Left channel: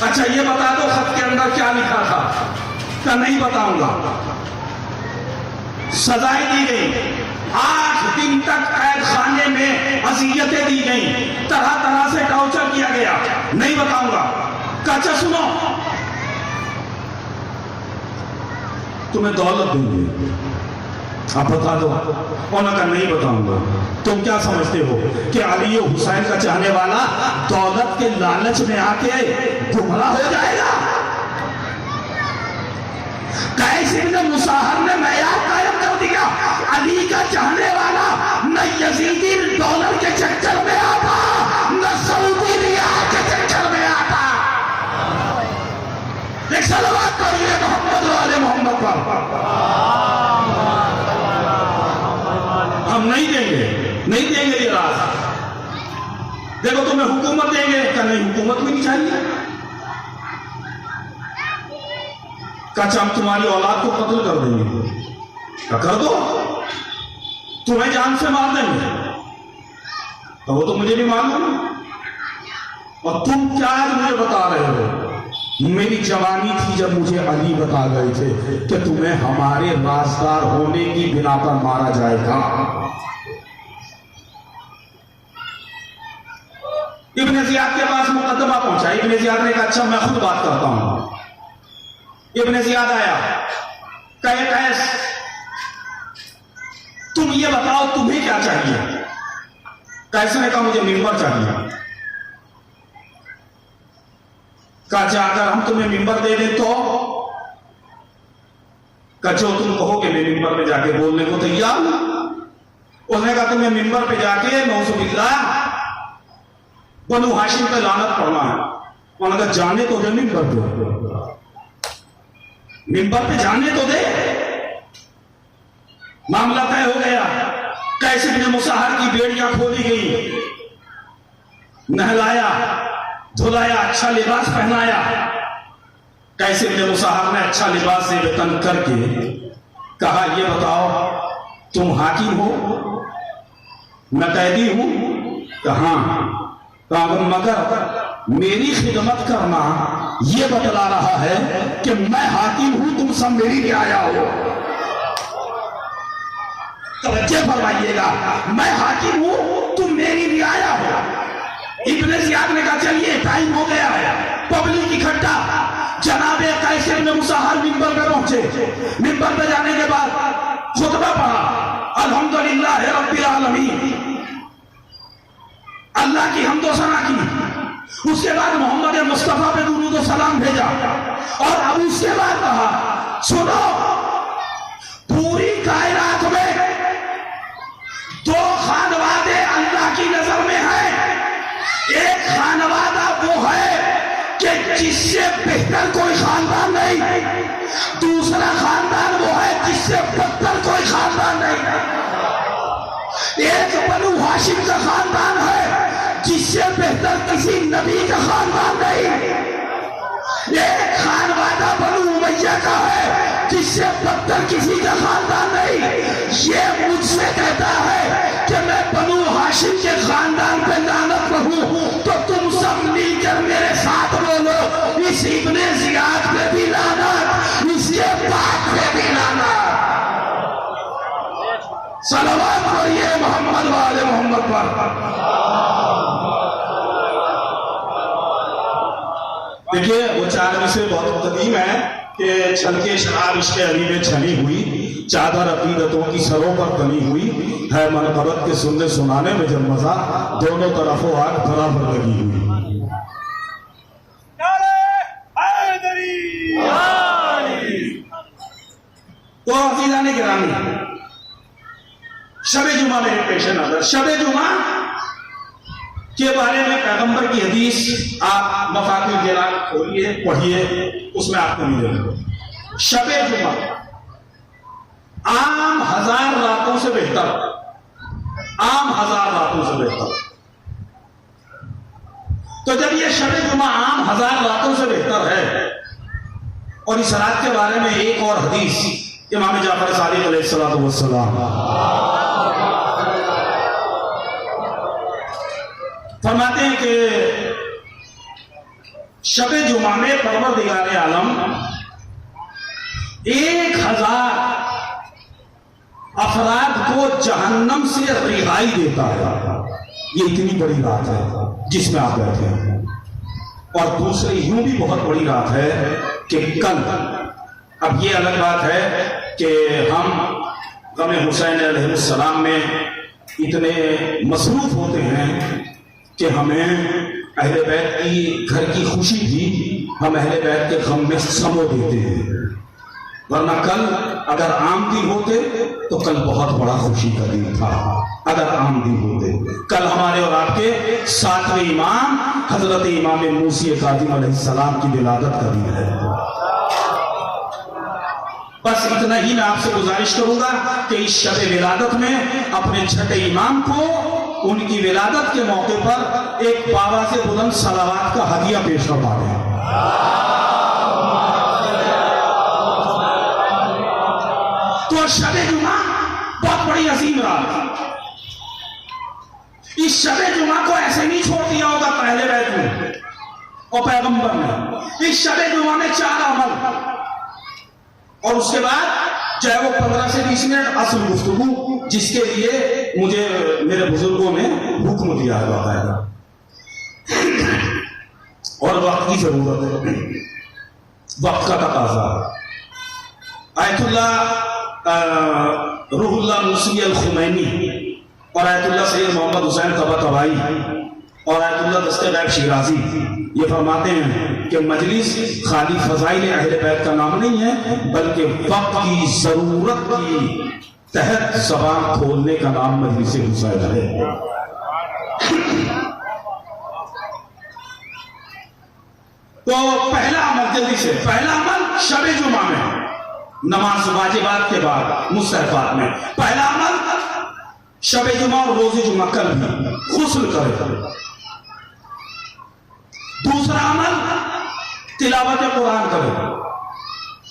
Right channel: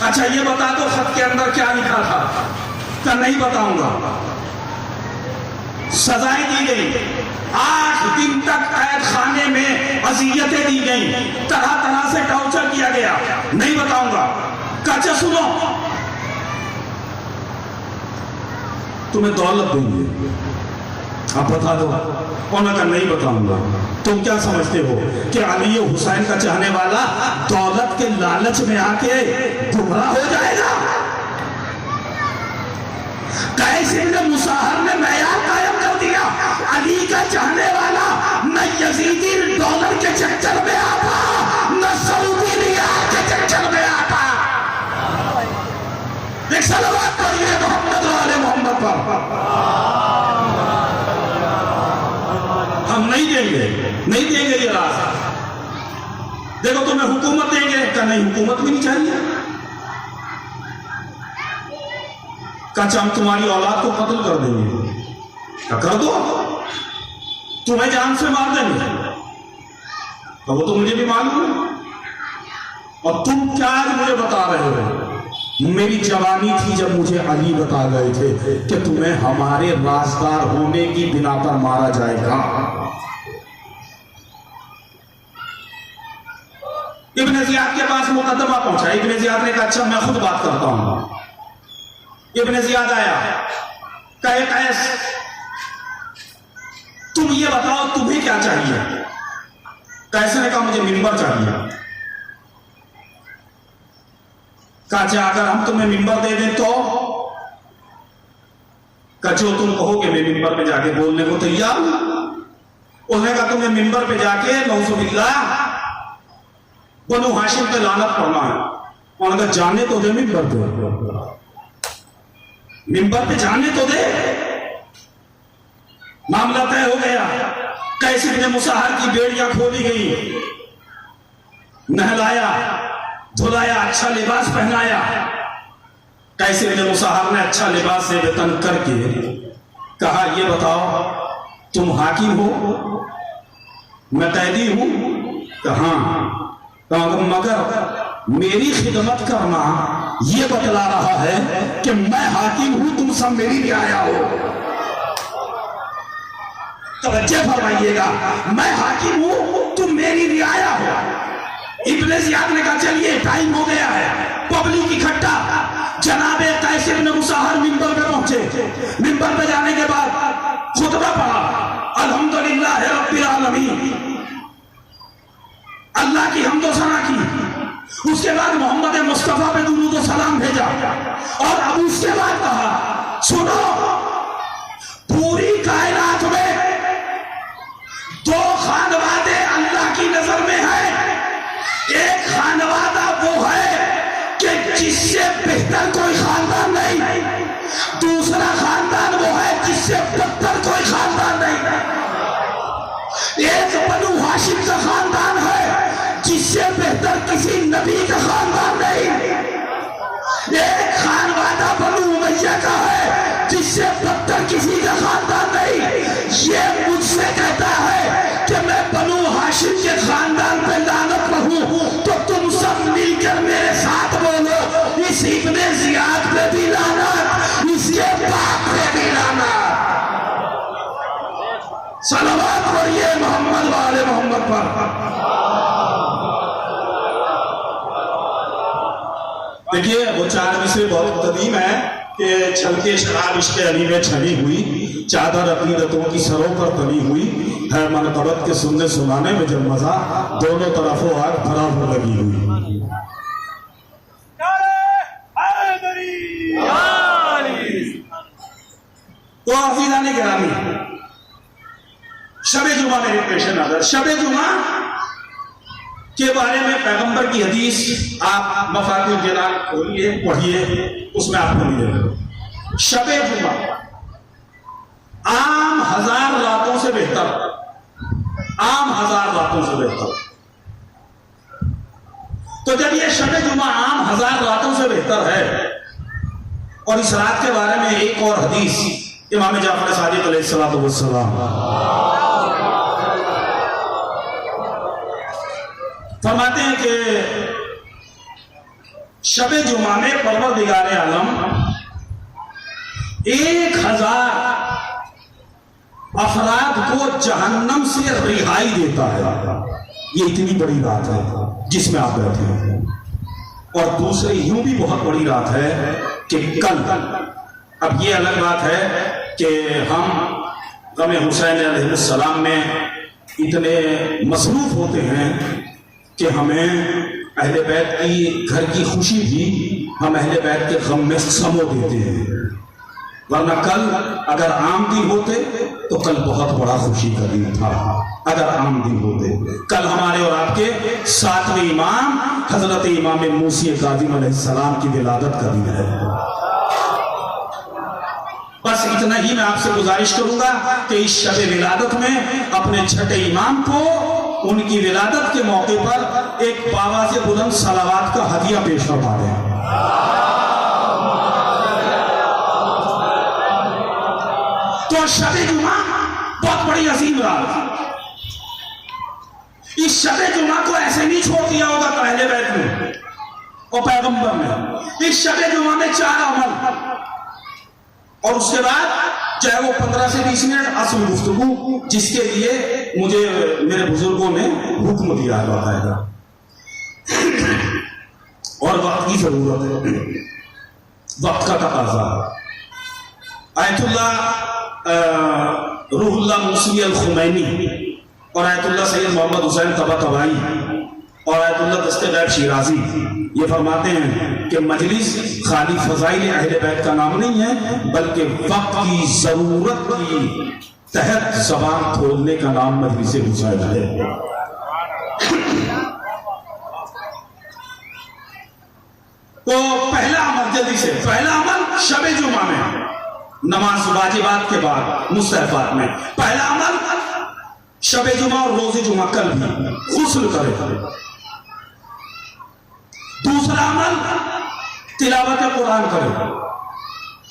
अच्छा ये बता दो खत के अंदर क्या लिखा था? क्या नहीं बताऊंगा। सजाएं दी गई, 8 दिन तक कैद खाने में अजियतें दी गई, तरह तरह से टॉर्चर किया गया, नहीं बताऊंगा। अच्छा सुनो, तुम्हें दौलत देंगे, आप बता दो। उन्होंने कहा नहीं बताऊंगा। तुम क्या समझते हो कि अली हुसैन का चाहने वाला दौलत के लालच में आके गुमराह हो जाएगा? कैसे इब्न मुसाहर ने मयार कायम कर दिया। अली का चाहने वाला न यजीदी डॉलर के चक्कर में आता, न सऊदी रियाल के चक्कर में आता। एक सलावत करिए मोहम्मद वाले मोहम्मद पर। हम नहीं देंगे, नहीं देंगे ये राज। देखो तुम्हें हुकूमत देंगे, क्या नहीं हुकूमत भी नहीं चाहिए? क्या हम तुम्हारी औलाद को कत्ल कर देंगे? क्या कर दो, तुम्हें जान से मार देंगे, तो वो तो मुझे भी मालूम है। और तुम क्या मुझे बता रहे हो? मेरी जवानी थी जब मुझे अली बता गए थे कि तुम्हें हमारे राजदार होने की बिना पर मारा जाएगा। इब्न जियाद के पास मुकदमा पहुंचा। इब्न जियाद ने कहा अच्छा मैं खुद बात करता हूं। इब्न जियाद आया, कहे कैस तुम ये बताओ तुम्हें क्या चाहिए? कैसे ने कहा मुझे मिंबर चाहिए। कहा अगर हम तुम्हें मिंबर दे दें तो? कहा जो तुम कहोगे मैं मिंबर पे जाके बोलने को तैयार। उसने कहा तुम्हें मिंबर पे जाके नौजुबिल्लाह बनु हाशिम पे लानत पड़ना है। उन्होंने कहा जाने तो दे मिंबर पे, मिंबर पे जाने तो दे। मामला तय हो गया। कैसे इब्न मुसाहर की बेड़ियां खोली गई, नहलाया धुलाया, अच्छा लिबास पहनाया। कैसे इब्न मुसाहर ने अच्छा लिबास से वेतन करके कहा ये बताओ तुम हाकिम हो, मैं कैदी हूं? कहा मगर मेरी खिदमत करना ये बतला रहा है कि मैं हाकिम हूं, तुम सब मेरी रियाया हो। तवज्जो फरमाइएगा, मैं हाकिम हूं, तुम मेरी रियाया हो। इब्न जियाद ने कहा चलिए टाइम हो गया है, पब्लिक इकट्ठा। जनाबे कैसे इब्न मुसाहर मिंबर पे पहुंचे। मिंबर पे जाने के बाद खुतबा पढ़ा, अल्हम्दुलिल्लाह रब्बिल आलमीन, अल्लाह की हम्दो सना की। उसके बाद मोहम्मद मुस्तफा पे दुरूद व सलाम भेजा और अब उसके बाद कहा सुनो, पूरी कायनात में 2 खानवादे अल्लाह की नजर में है। एक खानवादा वो है कि जिससे बेहतर कोई खानदान नहीं, दूसरा खानदान वो है जिससे बदतर कोई खानदान नहीं। एक बनु हाशिम का खानदान है जिससे बेहतर किसी नबी का खानदान नहीं। एक खानवादा बनु उमैया का है जिससे बदतर किसी का खानदान नहीं। ये मुझसे कहता है कि मैं बनु हाशिम के खानदान पे लानत पढ़ूं, तो तुम सब मिलकर मेरे साथ बोलो इस इब्ने जियाद पे भी लानत, इसके बाप पे भी लानत। सलावत पढ़िए मोहम्मद वाले मोहम्मद पर। देखिए वो 4 में से बहुत कदीम है कि छलके शराब इश्क़ अली में छली हुई, चादर अकीदतों की सरों पर तली हुई है, मनक़बत के सुनने सुनाने में जब मजा, दोनों तरफों आग बराबर लगी हुई। तो अज़ीज़ान गिरामी, शबे जुमा मेरे पेश नजर। शबे जुमा के बारे में पैगंबर की हदीस आप मफातिहुल जिनान खोलिए, पढ़िए, उसमें आपको मिलेगा। शबे जुमा आम 1000 रातों से बेहतर, आम 1000 रातों से बेहतर। तो जब ये शबे जुमा आम 1000 रातों से बेहतर है, और इस रात के बारे में एक और हदीस इमाम जाफर सादिक अलैहिस्सलाम फरमाते हैं कि शबे जुमा में परवरदिगार आलम 1000 अफराद को जहन्नम से रिहाई देता है। ये इतनी बड़ी रात है जिसमें आप बैठे हैं। और दूसरी यूं भी बहुत बड़ी रात है कि कल, अब ये अलग बात है कि हम गम हुसैन अलैहिस्सलाम में इतने मसरूफ होते हैं कि हमें अहले बैत की घर की खुशी भी हम अहले बैत के गम में समो देते हैं। वरना कल अगर आम दिन होते तो कल बहुत बड़ा खुशी का दिन था। अगर आम दिन होते, कल हमारे और आपके 7वें इमाम हजरत इमाम मूसी काज़िम अलैहिस्सलाम की विलादत का दिन है। बस इतना ही मैं आपसे गुजारिश करूंगा कि इस शब विलादत में अपने छठे इमाम को उनकी विलादत के मौके पर एक बाबा से बुलंद सलावात का हदिया पेश करवा दें। तो शब जुमा बहुत बड़ी अजीम रात। इस शब जुमा को ऐसे नहीं छोड़ दिया होगा पहले बैत में और पैगंबर ने। इस शब जुमा में 4 अमल और उसके बाद चाहे वो 15 से 20 मिनट असल गुफ्तगू, जिसके लिए मुझे मेरे बुजुर्गों ने हुक्म दिया है बाकायदा, और वक्त की जरूरत है, वक्त का तकाजा है। आयतुल्लाह रूहुल्लाह मुस्लिम अल खुमैनी और आयतुल्लाह सैयद मोहम्मद हुसैन तबातबाई और आयतुल्लाह दस्ते गैब शिराजी ये फरमाते हैं कि मजलिस खाली फजाइल अहले बैत का नाम नहीं है, बल्कि वक्त की जरूरत की तहत जबान खोलने का नाम मजलिस हुसैन है। तो पहला अमल, जल्दी से पहला अमल शब जुमा में नमाज वाजिबात के बाद मुस्तहबात में पहला अमल शब जुमा और रोजे जुमा कल भी गुस्ल करे। दूसरा अमल तिलावत कुरान करे।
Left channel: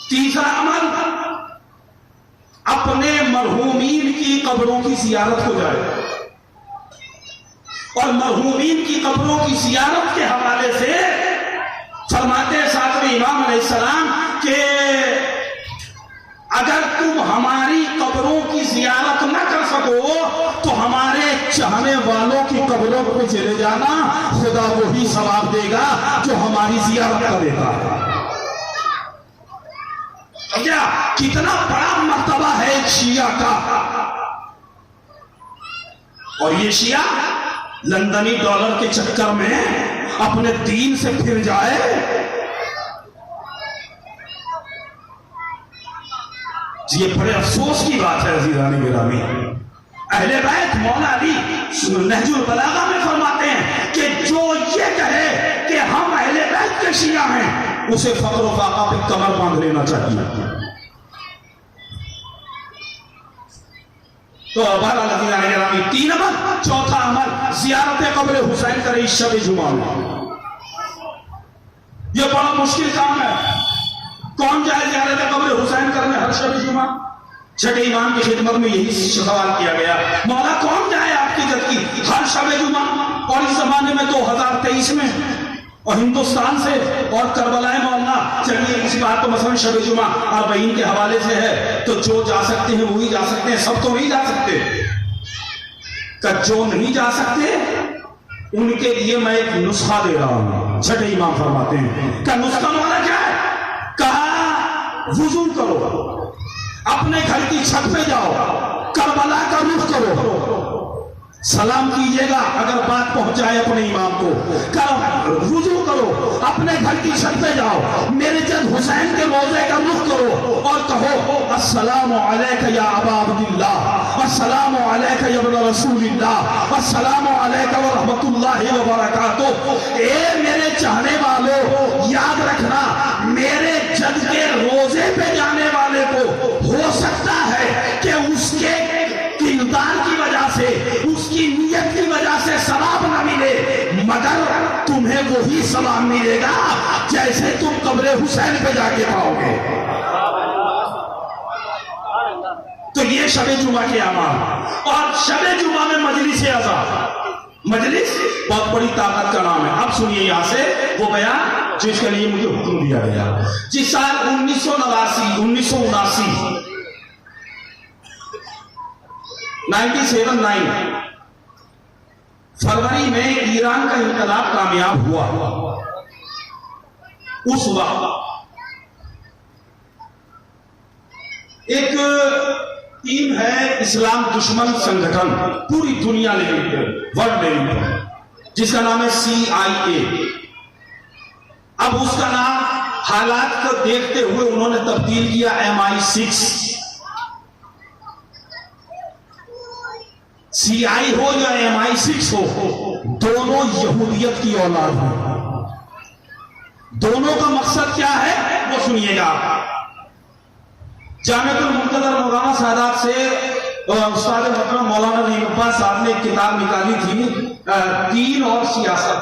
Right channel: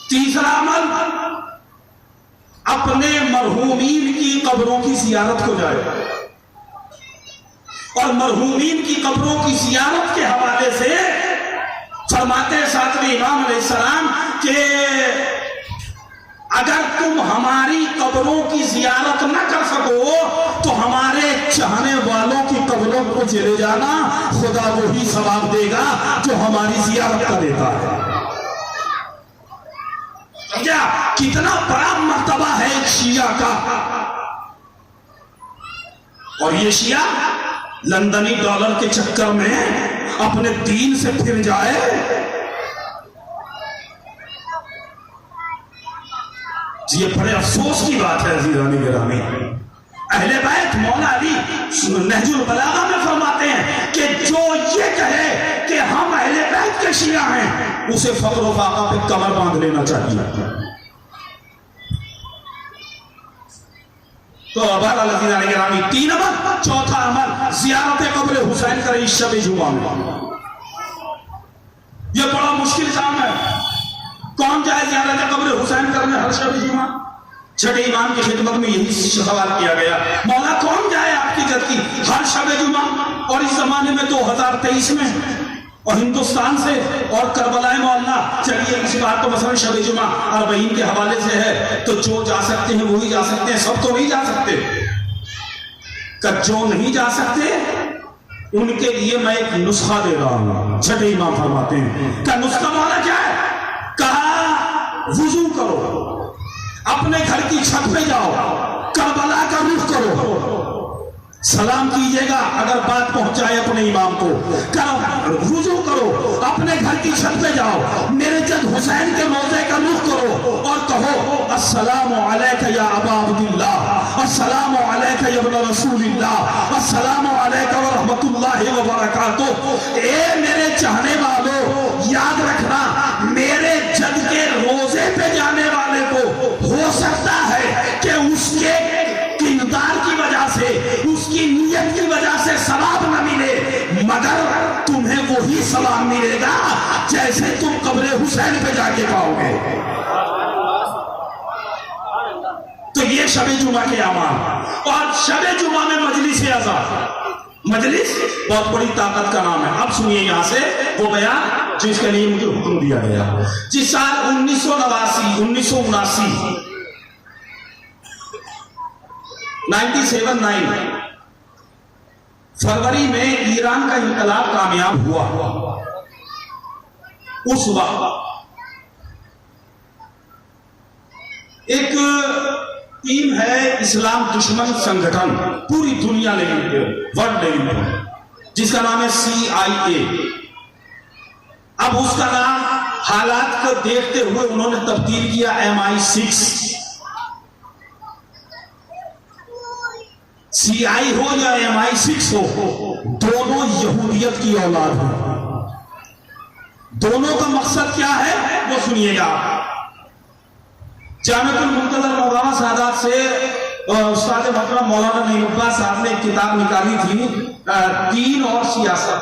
तीसरा अमल अपने मरहूमीन की कब्रों की जियारत को जाए। और मरहूमीन की कब्रों की जियारत के हवाले से फरमाते 7वें इमाम अलैहिस्सलाम के अगर तुम हमारी कब्रों की जियारत न कर सको तो हमारे चाहने वालों की कब्रों को चले जाना, खुदा वही सवाब देगा जो हमारी जियारत कर देता है। तो क्या कितना बड़ा मर्तबा है एक शिया का। और ये शिया लंदनी डॉलर के चक्कर में अपने दीन से फिर जाए। ये बड़े अफसोस की बात है अजीज़ानी गिरामी। अहले बैत मौला अली नहजुल बलागा में फरमाते हैं कि जो ये कहे कि हम अहले बैत के शिया हैं, उसे फक्र व फाका पे कमर बांध लेना चाहिए। तो बहरहाल अजीज़ानी गिरामी 3 अमल। चौथा अमल ज़ियारत कब्र हुसैन करे इस शब जुमा में। यह बड़ा मुश्किल काम है। कौन जाए ज़ियारत कब्र हुसैन करने हर शब जुमा? छठे इमाम की खिदमत में यही सवाल किया गया, मौला कौन जाए आपकी जद की हर शब जुमा? और इस जमाने में 2023 में और हिंदुस्तान से और करबलाए मोहल्ला, चलिए इस बात तो मसलन शब जुमा अरबईन के हवाले से है, तो जो जा सकते हैं वही जा सकते हैं, सब तो नहीं जा सकते। जो नहीं जा सकते उनके लिए मैं एक नुस्खा दे रहा हूं। छठे इमाम फरमाते हैं, क्या नुस्खा वाला क्या है? कहा वुजू करो, अपने घर की छत पे जाओ, करबला का रुख करो, सलाम कीजिएगा अगर बात पहुंचाए अपने इमाम को, करो वुजू करो, अपने घर की छत पे जाओ, मेरे जद हुसैन के रोजे का रुख करो और कहो अस्सलामु अलैका या अबा अब्दुल्लाह, अस्सलामु अलैका या इब्न रसूलिल्लाह, अस्सलामु अलैका व रहमतुल्लाहि व बरकातुहू। ए मेरे चाहने वालों, याद रखना मेरे जद के रोजे पे जाने वाले को हो सकता है कि उसके किरदार की वजह से, उसकी नियत की वजह से सवाब न मिले, मगर तुम्हें वही सवाब मिलेगा जैसे तुम कब्र हुसैन पे जाके पाओगे। तो ये शब जुमा के अमाल। और शब जुमा में मजलिस अज़ा, मजलिस बहुत बड़ी ताकत का नाम है। अब सुनिए यहां से वो बयान जिसके लिए मुझे हुक्म दिया गया। जिस साल 1979 फरवरी में ईरान का इंकलाब कामयाब हुआ। उस वक्त एक टीम है इस्लाम दुश्मन संगठन पूरी दुनिया लेवल पे, वर्ल्ड लेवल पर, जिसका नाम है CIA। अब उसका नाम हालात को देखते हुए उन्होंने तब्दील किया MI6। CI हो या MI6 हो, दोनों यहूदियत की औलाद हो। दोनों का मकसद क्या है वो सुनिएगा। जामिअतुल मुंतज़र मौलाना सादात से उस्ताद मोहतरम मौलाना नईम अब्बास साहब ने एक किताब निकाली थी, दीन और सियासत।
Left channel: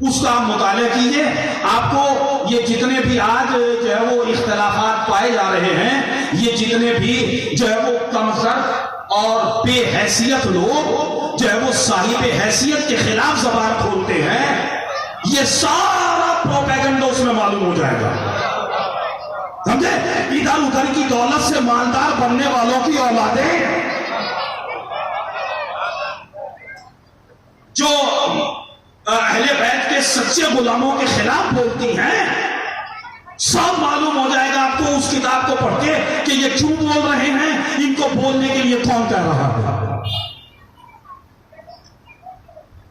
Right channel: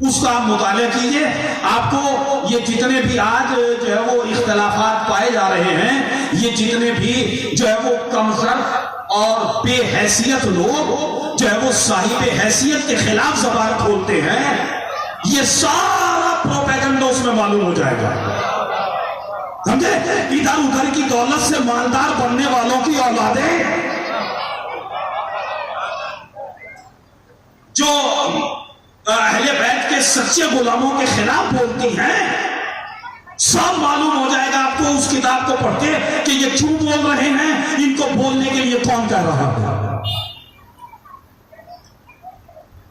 उसका आप मुताला कीजिए। आपको ये जितने भी आज जो है वो इख्तलाफात पाए जा रहे हैं, ये जितने भी जो है वो कमजोर और बेहैसियत लोग जो है वो साहिब हैसियत के खिलाफ ज़बान खोलते हैं, ये सारा प्रोपेगेंडा उसमें मालूम हो जाएगा। समझे? इधर उधर की दौलत से मालदार बनने वालों की औलादें जो अहले बैत के सच्चे गुलामों के खिलाफ बोलती हैं, सब मालूम हो जाएगा आपको उस किताब को पढ़ के कि ये क्यों बोल रहे हैं, इनको बोलने के लिए कौन कह रहा है।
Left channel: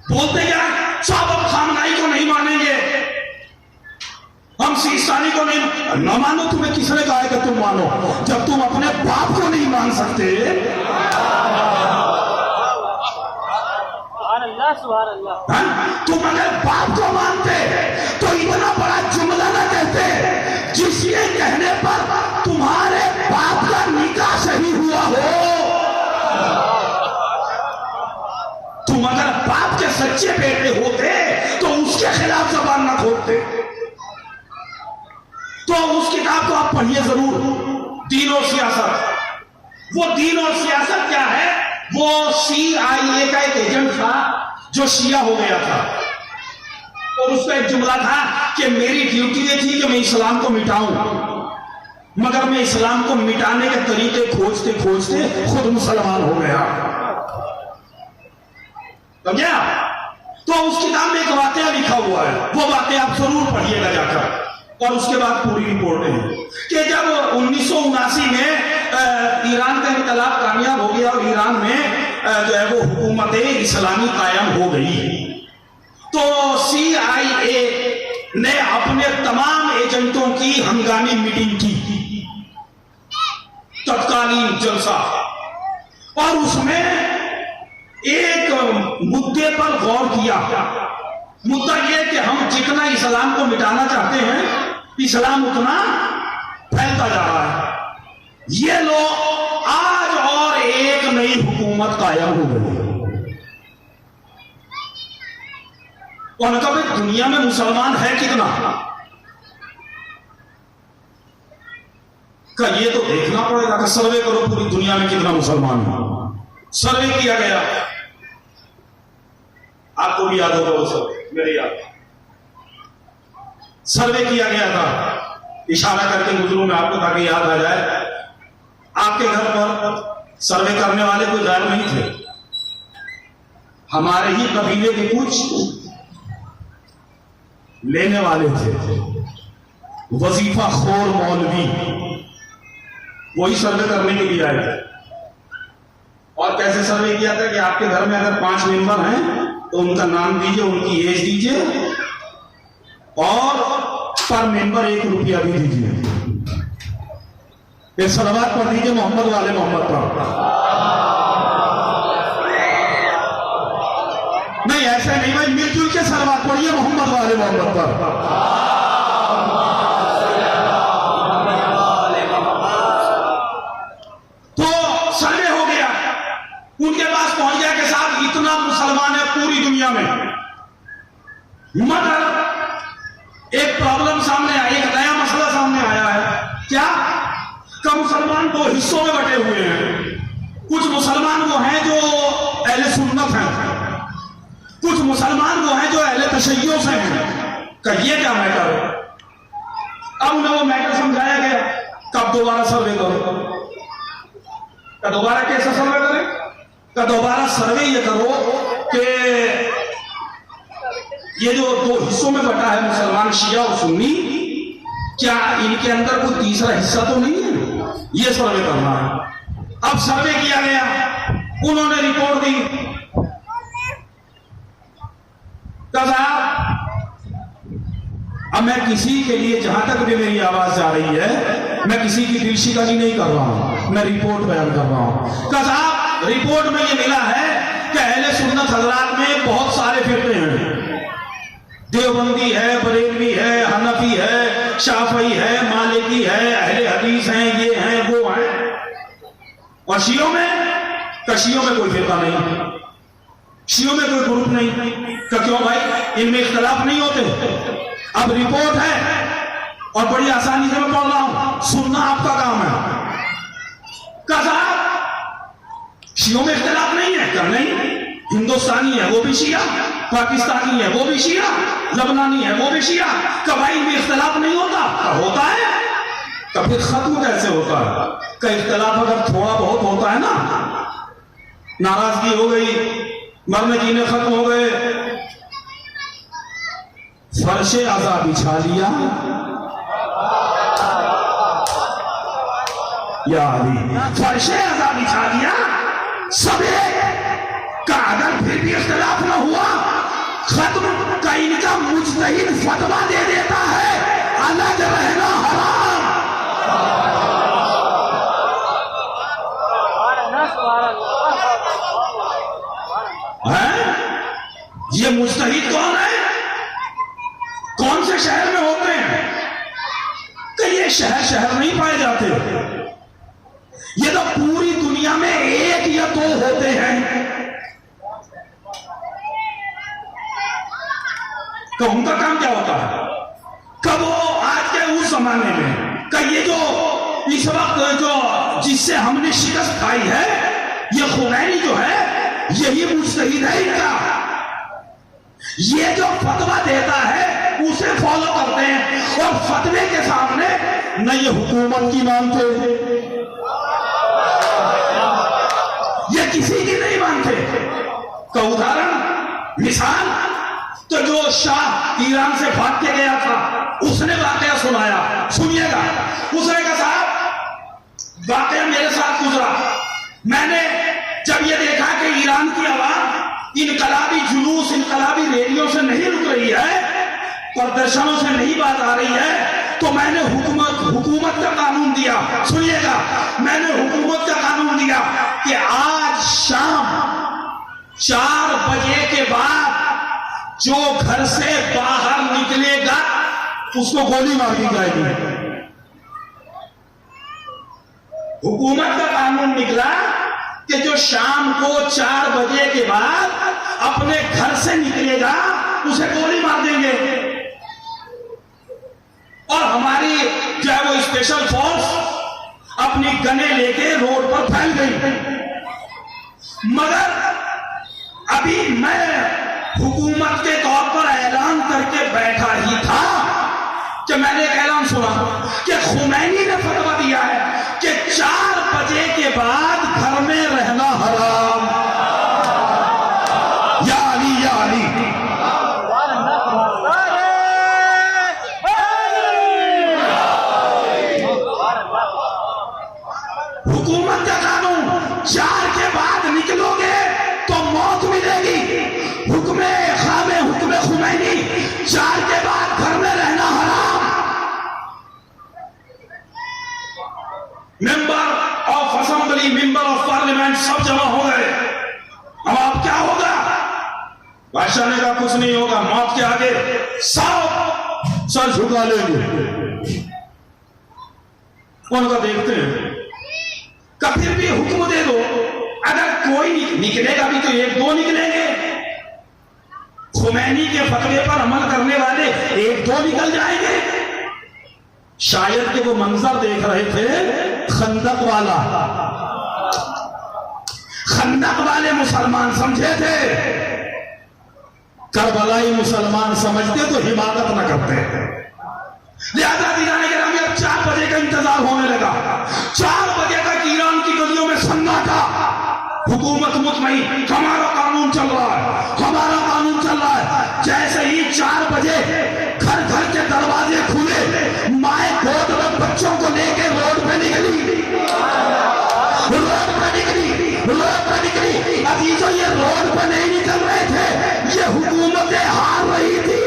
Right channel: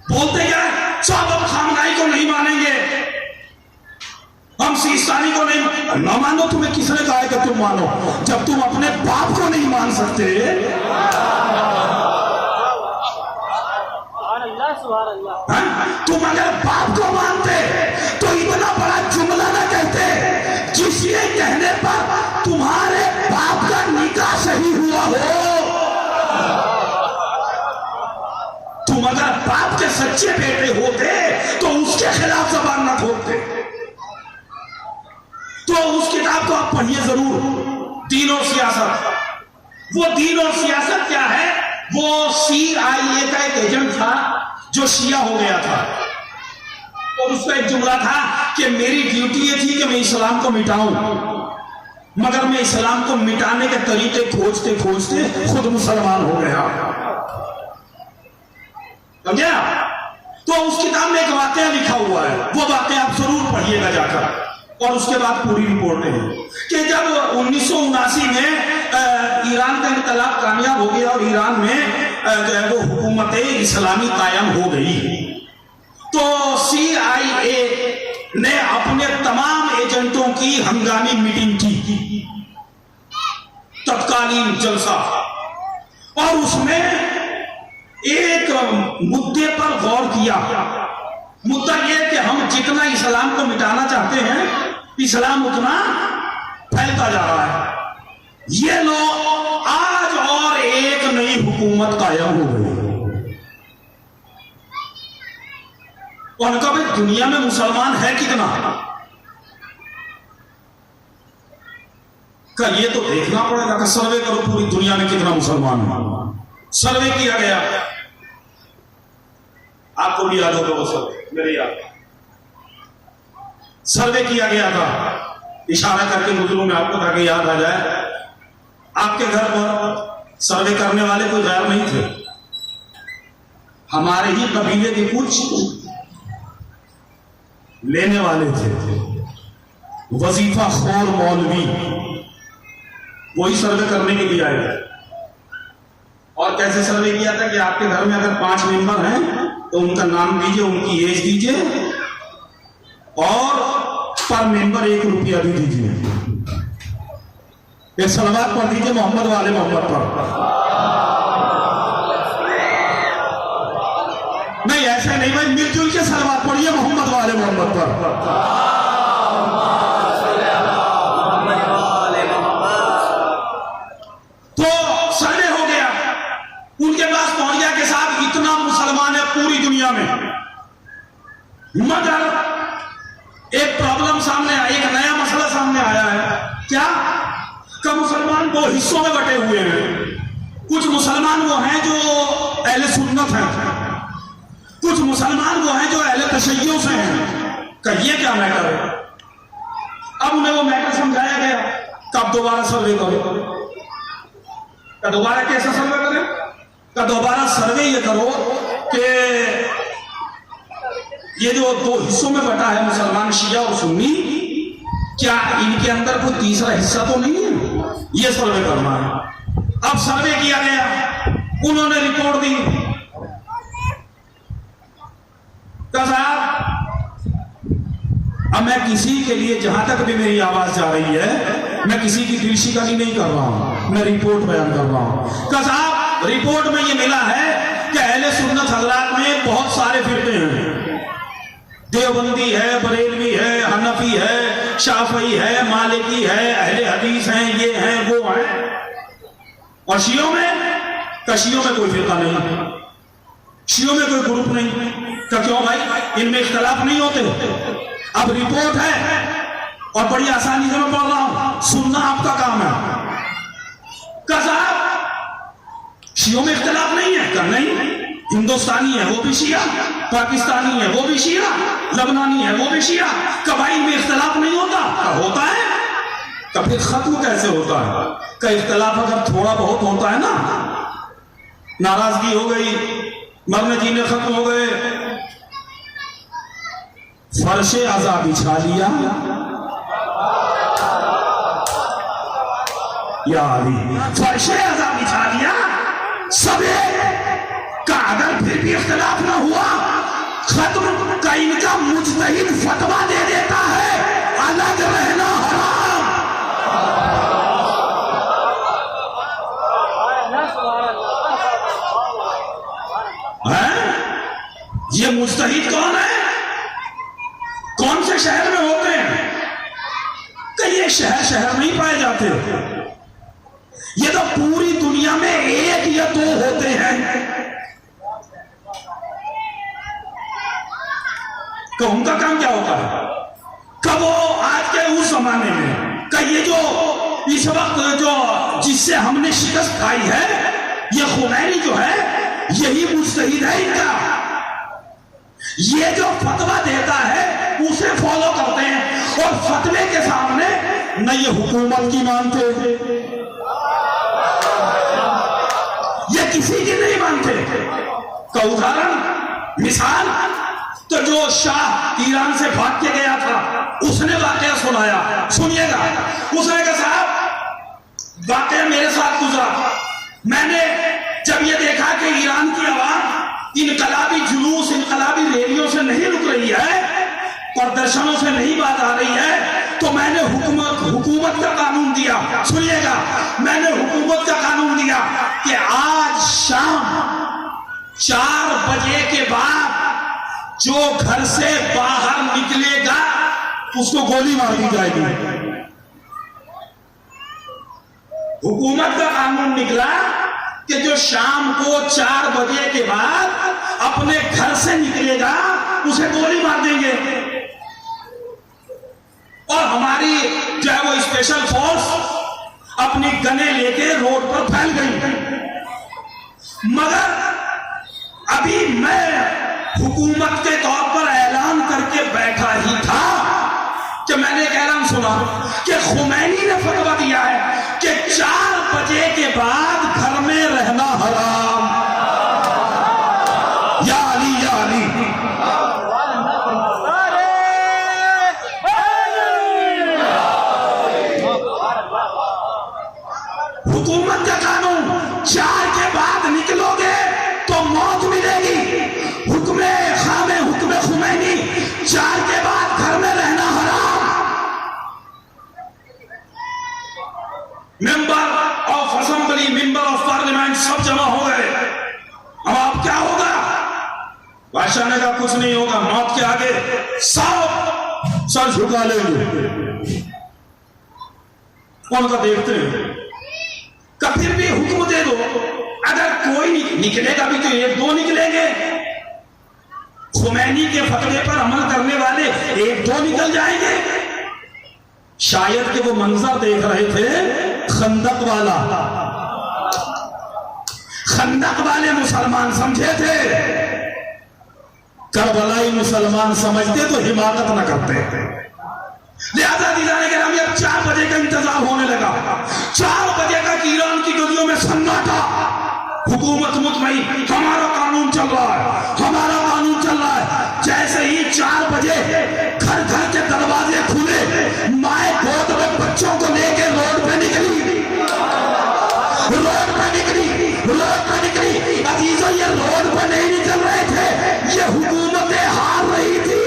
बोलते क्या, सब हम खामनाई को नहीं मानेंगे, हम सिस्तानी को नहीं न मानो। तुम्हें किसने कहा है कि तुम मानो, जब तुम अपने बाप को नहीं मान सकते। तुम अगर बाप को मानते तो इतना बड़ा जुमला ना कहते जिसके कहने पर तुम्हारे बाप का निकाह सही हुआ हो। तुम अगर बाप के सच्चे बेटे होते तो उसके खिलाफ जबान ना खोलते। तो उस किताब को आप पढ़िए जरूर, दीन और सियासत। वो दीन और सियासत क्या है, वो CIA का एक एजेंट था जो शिया हो गया था, और उसका एक जुमला था कि मेरी ड्यूटी ये थी कि मैं इस्लाम को मिटाऊं, मगर मैं इस्लाम को मिटाने के तरीके खोजते खोजते खुद मुसलमान हो गया। समझा? तो उस किताब में एक वाकया लिखा हुआ है, वो वाकया आप जरूर पढ़िएगा जाकर, और उसके बाद पूरी रिपोर्टें हैं कि जब 1979 में ईरान का इंकलाब कामयाब हो गया और ईरान में जो है वो हुकूमत इस्लामी कायम हो गई, तो CIA ने अपने तमाम एजेंटों की हंगामी मीटिंग की, तत्कालीन जलसा, और उसमें एक मुद्दे पर गौर किया। मुद्दा यह कि हम जितना इस्लाम को मिटाना चाहते हैं, इस्लाम उतना फैलता जा रहा है। ये लोग आज और एक नई हुकूमत कायम हो गई। उनका भाई दुनिया में मुसलमान है कितना का ये तो देखना पड़ेगा कि सर्वे करो पूरी दुनिया में कितना मुसलमान है। सर्वे किया गया, आपको भी याद होगा वो सर्वे, मेरे याद सर्वे किया गया था, इशारा करके गुजरू में आपको ताकि याद आ जाए। आपके घर पर सर्वे करने वाले कोई गैर नहीं थे, हमारे ही कबीले के कुछ लेने वाले थे, वजीफा खोर मौलवी, वही सर्वे करने के लिए आए थे। और कैसे सर्वे किया था कि आपके घर में अगर 5 मेंबर हैं तो उनका नाम दीजिए, उनकी एज दीजिए, और पर मेंबर 1 रुपया भी दीजिए। ये सलवात पढ़ दीजिए मोहम्मद वाले मोहम्मद पर। नहीं ऐसा नहीं भाई, मिलजुल के सलवात पढ़िए मोहम्मद वाले मोहम्मद पर। उनके पास पहुंच गया के साथ इतना मुसलमान है पूरी दुनिया में, मगर एक प्रॉब्लम सामने आई, एक नया मसला सामने आया है। क्या कि मुसलमान 2 हिस्सों में बटे हुए हैं। कुछ मुसलमान वो हैं जो अहले सुन्नत हैं, कुछ मुसलमान वो हैं जो अहले तशय्युअ से हैं। ये क्या मैटर है? अब उन्हें वो मैटर समझाया गया, कब दोबारा सर्वे करो। का दोबारा कैसा सर्वे करें? का दोबारा सर्वे ये करो कि ये जो दो हिस्सों में बटा है मुसलमान, शिया और सुन्नी, क्या इनके अंदर कोई तीसरा हिस्सा तो नहीं है? ये सर्वे करना है। अब सर्वे किया गया, उन्होंने रिपोर्ट दी, कहा अब मैं किसी के लिए, जहां तक भी मेरी आवाज जा रही है, मैं किसी की दिल शिकनी नहीं कर रहा हूं, मैं रिपोर्ट बयान कर रहा हूं। कहा रिपोर्ट में ये मिला है कि अहले सुन्नत हजरात में बहुत सारे फिरके हैं, देवबंदी है, बरेलवी है, हनफी है, शाफई है, मालिकी है, अहले हदीस हैं, ये हैं, वो हैं। और शियों में कोई फिरका नहीं, शियों में कोई ग्रुप नहीं। क्यों भाई? इनमें इख्तलाफ नहीं होते। अब रिपोर्ट है और बड़ी आसानी से मैं पढ़ रहा हूं, सुनना आपका काम है। कहा शियों में इख्तलाफ नहीं है, क्या नहीं? हिंदुस्तानी है वो भी शिया, पाकिस्तानी है वो भी शिया, लबनानी है वो भी शिया। कबाइल में इख्तलाफ नहीं होता? क्या होता है? कभी खत्म कैसे होता है? का इख्तलाफ अगर थोड़ा बहुत होता है ना, नाराजगी हो गई, मरने जीने खत्म हो गए, फर्शे आजा बिछा लिया, या अली फर्शे आजा बिछा दिया सबे का, अगर फिर भी इख्तलाफ न हुआ, खत्म का इनका मुज्तहिद फतवा दे देता है अलग रहना हराम है। ये मुज्तहिद कौन है? कौन से शहर में होते हैं? कि ये शहर नहीं पाए जाते, ये तो पूरी दुनिया में एक या दो होते हैं। कि उनका काम क्या होता है? कब वो आज के उस जमाने में कि ये जो इस वक्त जो जिससे हमने शिकस्त खाई है, ये खुमैनी जो है, यही मुज्तहिद है इनका। ये जो फतवा देता है उसे फॉलो करते हैं, और फतवे के सामने न ये हुकूमत की मानते, ये किसी की नहीं मानते। का उदाहरण, मिसाल, तो जो शाह ईरान से भाग के गया था, उसने वाकया सुनाया, सुनिएगा। उसने कहा साहब वाकया मेरे साथ गुजरा, मैंने जब ये देखा कि ईरान की आवाम इनकलाबी जुलूस, इनकलाबी रैलियों से नहीं रुक रही है, प्रदर्शनों से नहीं बात आ रही है, तो मैंने हुकूमत का कानून दिया। सुनिएगा, मैंने हुकूमत का कानून दिया कि आज शाम 4 बजे के बाद जो घर से बाहर निकलेगा उसको गोली मार दी जाएगी। हुकूमत का कानून निकला कि जो शाम को 4 बजे के बाद अपने घर से निकलेगा उसे गोली मार देंगे। और हमारी जो है वो स्पेशल फोर्स अपनी गने लेके रोड पर फैल गई। मगर अभी मैं हुकूमत के तौर पर ऐलान करके बैठा ही था कि मैंने एक ऐलान सुना कि खुमैनी ने फतवा दिया है कि 4 बजे के बाद घर में रहना हराम। या अली, या अली। हुकूमत का कानून, 4 के बाद निकलोगे तो मौत मिलेगी। हुक्मे खामे, हुक्मे खुमैनी, 4 के बाद घर में रहना हराम। Member of assembly, member of parliament सब जमा हो गए। अब क्या होगा? बादशाह ने कहा कुछ नहीं होगा, मौत के आगे सब सर झुका लेंगे। उनका देखते हैं, फिर भी हुक्म दे दो, अगर कोई निकलेगा भी तो 1-2 निकलेंगे। खुमैनी के फतवे पर अमल करने वाले 1-2 निकल जाएंगे। शायद कि वो मंजर देख रहे थे खंदक वाला, खंदक वाले मुसलमान समझे थे करबलाई मुसलमान समझते तो हिमाकत न करते। लिहाजा दीवाने के नाम अब 4 बजे का इंतजार होने लगा। 4 बजे तक ईरान की गलियों में सन्नाटा, हुकूमत मुतमईन, हमारा कानून चल रहा है, हमारा कानून चल रहा है। जैसे ही 4 बजे घर घर के दरवाजे खुले, माए गोद में बच्चों को लेके रोड पे निकली, रोड पे निकली, रोड पे निकली। अजीजों, ये रोड पे नहीं निकल रहे थे, ये हुकूमतें हार रही थी,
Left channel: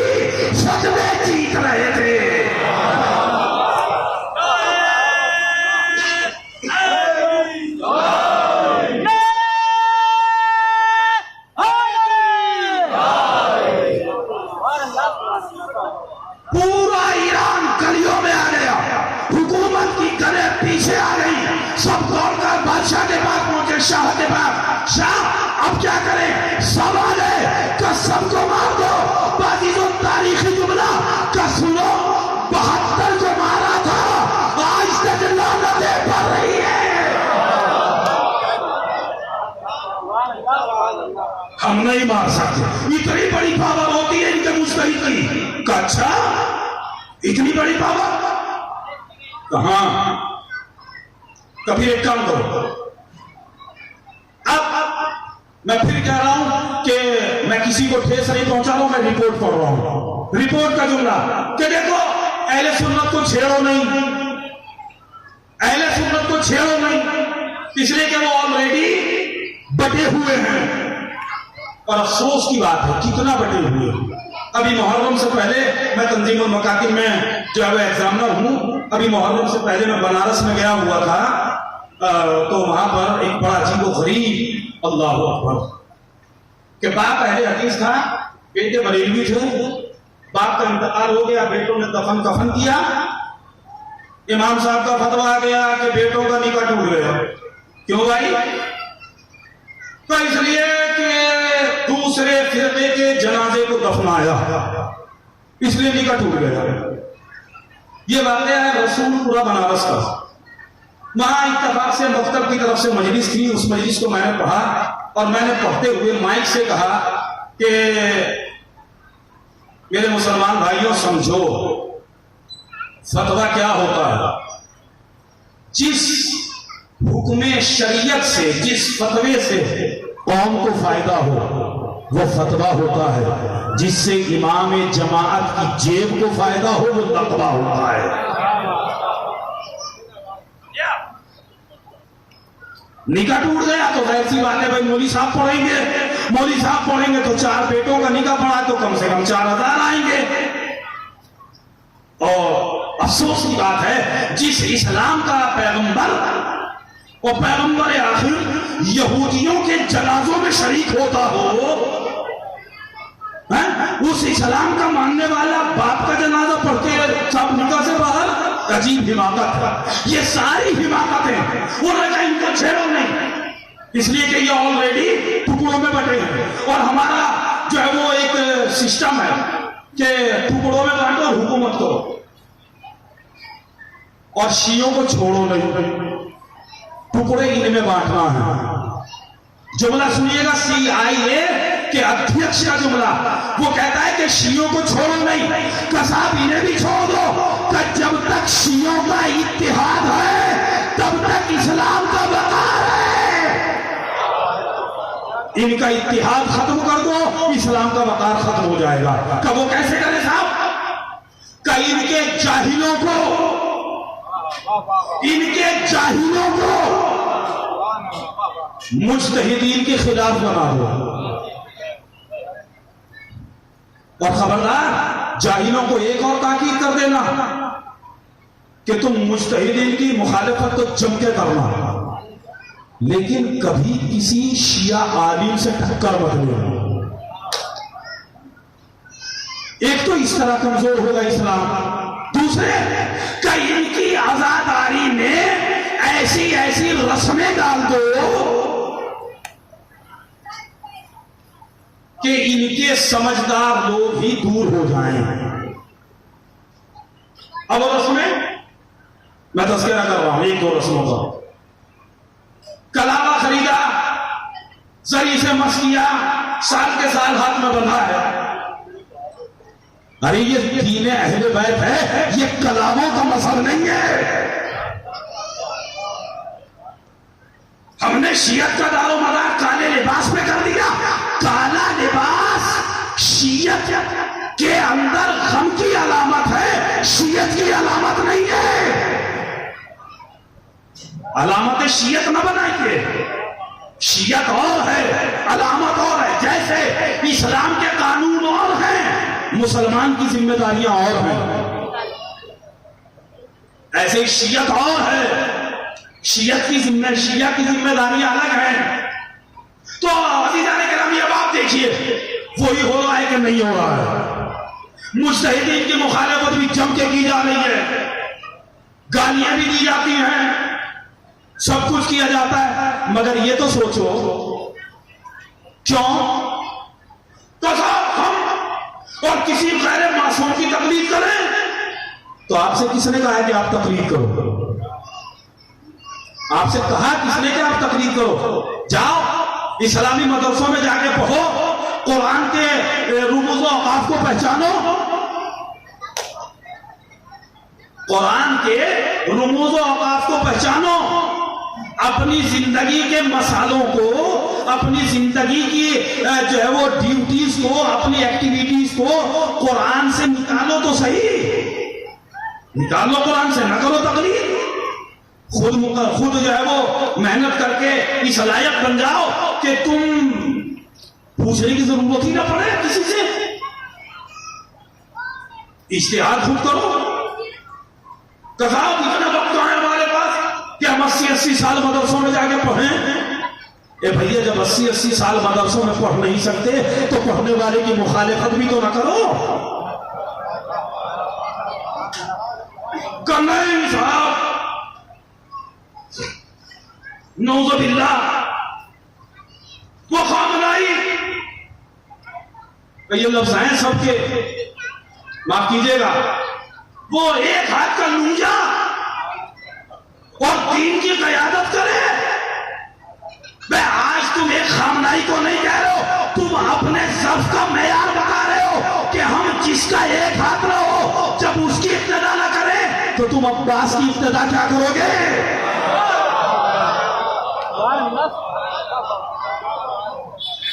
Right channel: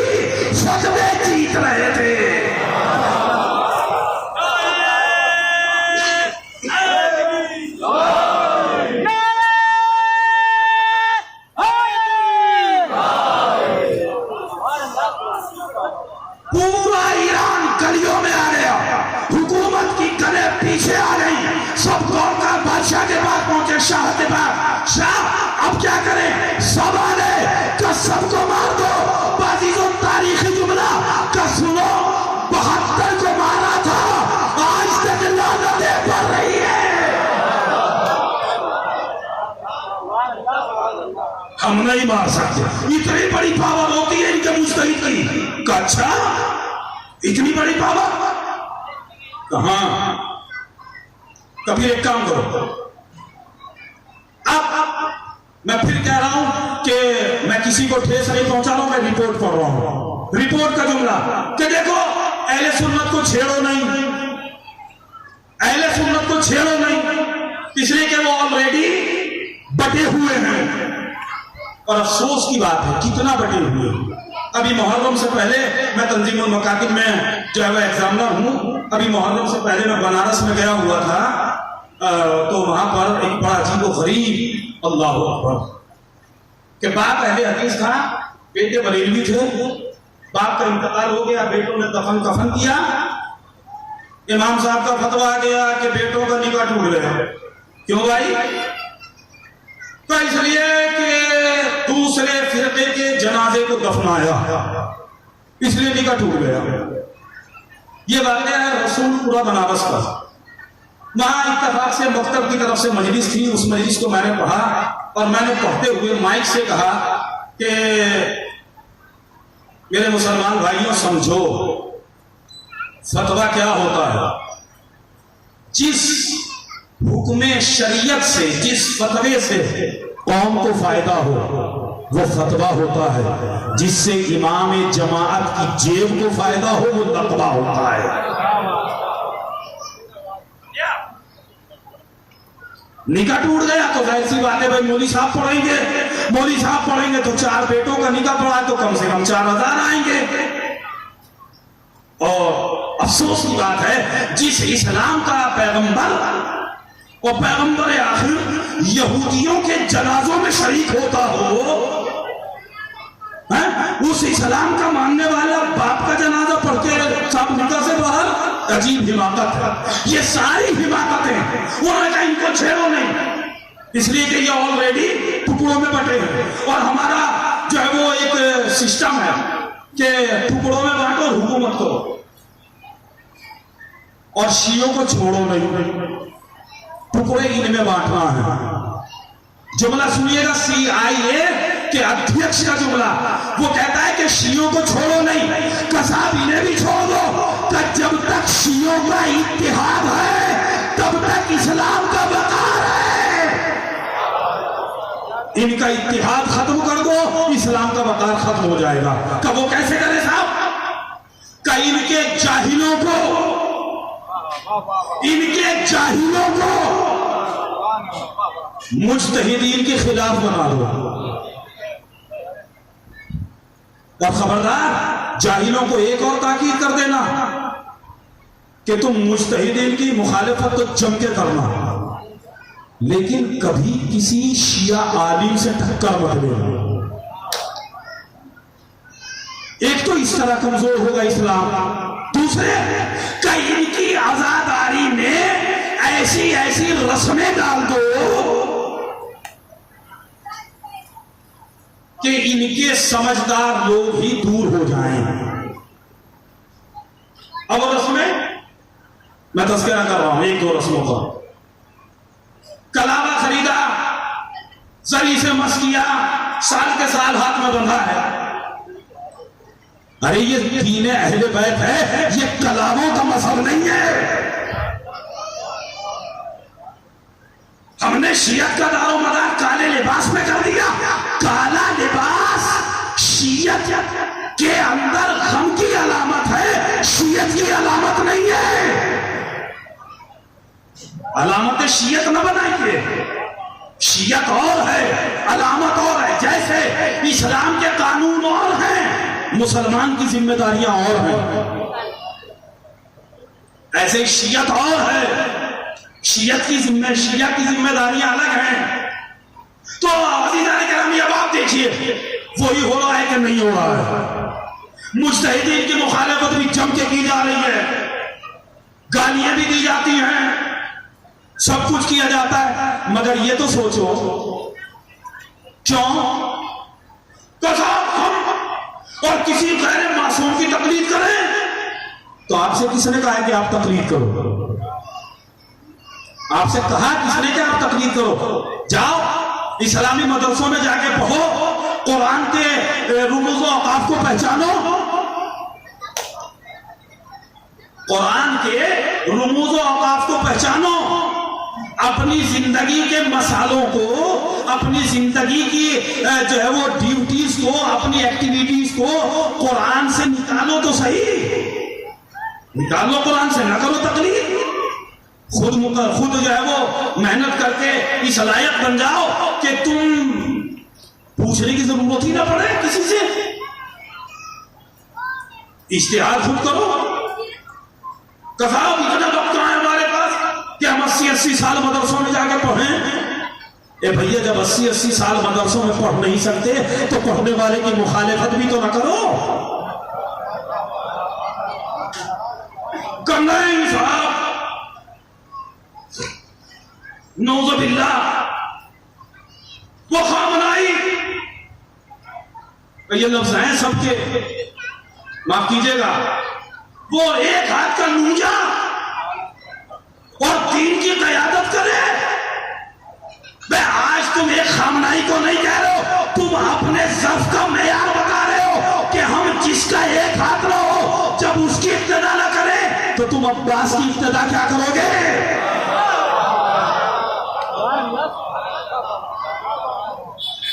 सदमे जीत रहे थे। पूरा ईरान गलियों में आ गया, हुकूमत की गले पीछे आ गई, सब दौड़कर बादशाह के पास पहुंचे, शाह के पास। शाह, अब क्या करें? सब आ गए कि सबको मार दो। बाजीजों, तारीखी जुमला का सुनो, 72 को मारा था, आज तक लानतें पड़ रही है। हम नहीं मार सकते, इतनी बड़ी पावर होती है इनके मुस्तहिद की। अच्छा, इतनी बड़ी पावर कहां? कभी एक काम करो, अब मैं फिर कह रहा हूं कि मैं किसी को ठेस नहीं पहुंचा रहा हूं, मैं रिपोर्ट कर रहा हूं। रिपोर्ट का जुमला कि देखो, अहले सुन्नत को छेड़ो नहीं, अहले सुन्नत को छेड़ो नहीं, इसलिए कि वो ऑलरेडी बटे हुए हैं। और अफसोस की बात है, कितना बटे हुए हैं। अभी मुहर्रम से पहले मैं तंजीमुल मकातिब में जो है एग्जामिनर हूं। अभी मुहर्रम से पहले मैं बनारस में गया हुआ था, तो वहां पर एक बड़ा अजीब व गरीब, अल्लाह अकबर, के बाप अहले हदीस था, बेटे बरेलवी थे, बाप का इंतकाल हो गया, बेटों ने दफन कफन किया, इमाम साहब का फतवा आ गया कि बेटों का निकाह टूट गया। क्यों भाई? तो इसलिए कि दूसरे फिरके के जनाजे को दफनाया, इसलिए निकाह टूट गया। ये वाक़या है रसूलपुरा बनारस का। वहां इत्तेफाक से मकतब की तरफ से मजलिस थी, उस मजलिस को मैंने पढ़ा और मैंने पढ़ते हुए माइक से कहा कि मेरे मुसलमान भाइयों, समझो फतवा क्या होता है। जिस हुक्मे शरीयत से, जिस फतवे से कौम को फायदा हो, वो फतवा होता है। जिससे इमाम जमाअत की जेब को फायदा हो, वो लकवा होता है। निकाह टूट गया तो जाहिर सी बात है भाई, मौली साहब पढ़ेंगे, मौली साहब पढ़ेंगे तो 4 बेटों का निकाह पढ़ा तो कम से कम 4000 आएंगे। और अफसोस की बात है, जिस इस्लाम का पैगंबर, वो पैगंबर आखिर यहूदियों के जनाजों में शरीक होता हो, उस इस्लाम का मानने वाला बाप का जनाजा पढ़ के सब निकाह से बाहर। अजीब हिमाकत है, ये सारी हिमाकतें। उन्होंने इनको छेड़ो नहीं, इसलिए कि ये ऑलरेडी टुकड़ों में बटे हैं। और हमारा जो है वो एक सिस्टम है कि टुकड़ों में बांटो हुकूमत को, और शियों को छोड़ो नहीं, टुकड़े इनमें बांटना है। जुमला सुनिएगा, CIA के अध्यक्ष का जुमला, वो कहता है कि शियों को छोड़ो नहीं, कसाब इन्हें भी छोड़ दो। कि जब तक शियों का इत्तेहाद है, तब तक इस्लाम का वकार है। इनका इत्तेहाद खत्म कर दो, इस्लाम का वकार खत्म हो जाएगा। कब? वो कैसे करें साहब? कि इनके जाहिलों को, इनके जाहिलों को मुज्तहिदीन के खिलाफ बना दो। और खबरदार, जाहिलों को एक और ताकीद कर देना कि तुम मुज्तहिदीन की मुखालिफत तो जम के करना, लेकिन कभी किसी शिया आलिम से टक्कर मत लेना। एक तो इस तरह कमजोर होगा इस्लाम, दूसरे का इनकी आजादारी में ऐसी ऐसी रस्में डाल दो कि इनके समझदार लोग ही दूर हो जाएं। अब रस्में मैं तस्करा कर रहा हूं, 1-2 रस्मों पर। कलावा खरीदा, जरी से मस किया, साल के साल हाथ में बंधा है, अरे ये दीन अहले बैत है, ये कलामों का मजहब नहीं है। हमने शियत का दारो मदार काले लिबास में कर दिया। काला लिबास शियत के अंदर गम की अलामत है, शियत की अलामत नहीं है। अलामत शियत न बनाइए, शियत और है, अलामत और है। जैसे इस्लाम के कानून और हैं, मुसलमान की जिम्मेदारियां और हैं, ऐसे ही शियत और है, शिया की जिम्मेदारियां अलग हैं। तो अज़ीज़ान किराम अब आप देखिए वही हो रहा है कि नहीं हो रहा है। मुज्तहिदीन की मुखालफत भी जम के की जा रही है, गालियां भी दी जाती हैं, सब कुछ किया जाता है। मगर ये तो सोचो क्यों तो साहब हम और किसी गैर मासूम की तकलीद करें? तो आपसे किसने कहा है कि आप तकलीद करो? आपसे कहा किसने कि आप तकलीद करो? जाओ इस्लामी मदरसों में जाके पढ़ो, कुरान के रुमूज़ व औक़ाफ़ को पहचानो, कुरान के रुमूज़ व औक़ाफ़ को पहचानो, अपनी जिंदगी के मसालों को, अपनी जिंदगी की जो है वो ड्यूटीज को, अपनी एक्टिविटीज को कुरान से निकालो तो सही, निकालो कुरान से, न करो तकलीद। खुद जो है वो मेहनत करके इस लायक बन जाओ कि तुम पूछने की जरूरत ही ना पड़े किसी से, इश्तिहार खुद करो। कसाब इतना वक्त है हमारे पास कि हम 80-80 साल मदरसों में जाके पढ़ें। ए भैया, जब 80-80 साल मदरसों में पढ़ नहीं सकते तो पढ़ने वाले की मुखालिफत भी तो ना करो। नहीं साहब, नौज़ुबिल्लाह, वो खामनाई, ये लफ्ज हैं सबके, माफ कीजिएगा, वो एक हाथ का लूजा और दीन की क़यादत करे। मैं आज तुम एक खामनाई को नहीं कह रहे हो, तुम अपने ज़ब्त का मेयार बता रहे हो कि हम जिसका एक हाथ रहो, जब उसकी इब्तिदा ना करें तो तुम अब्बास की इब्तिदा क्या करोगे?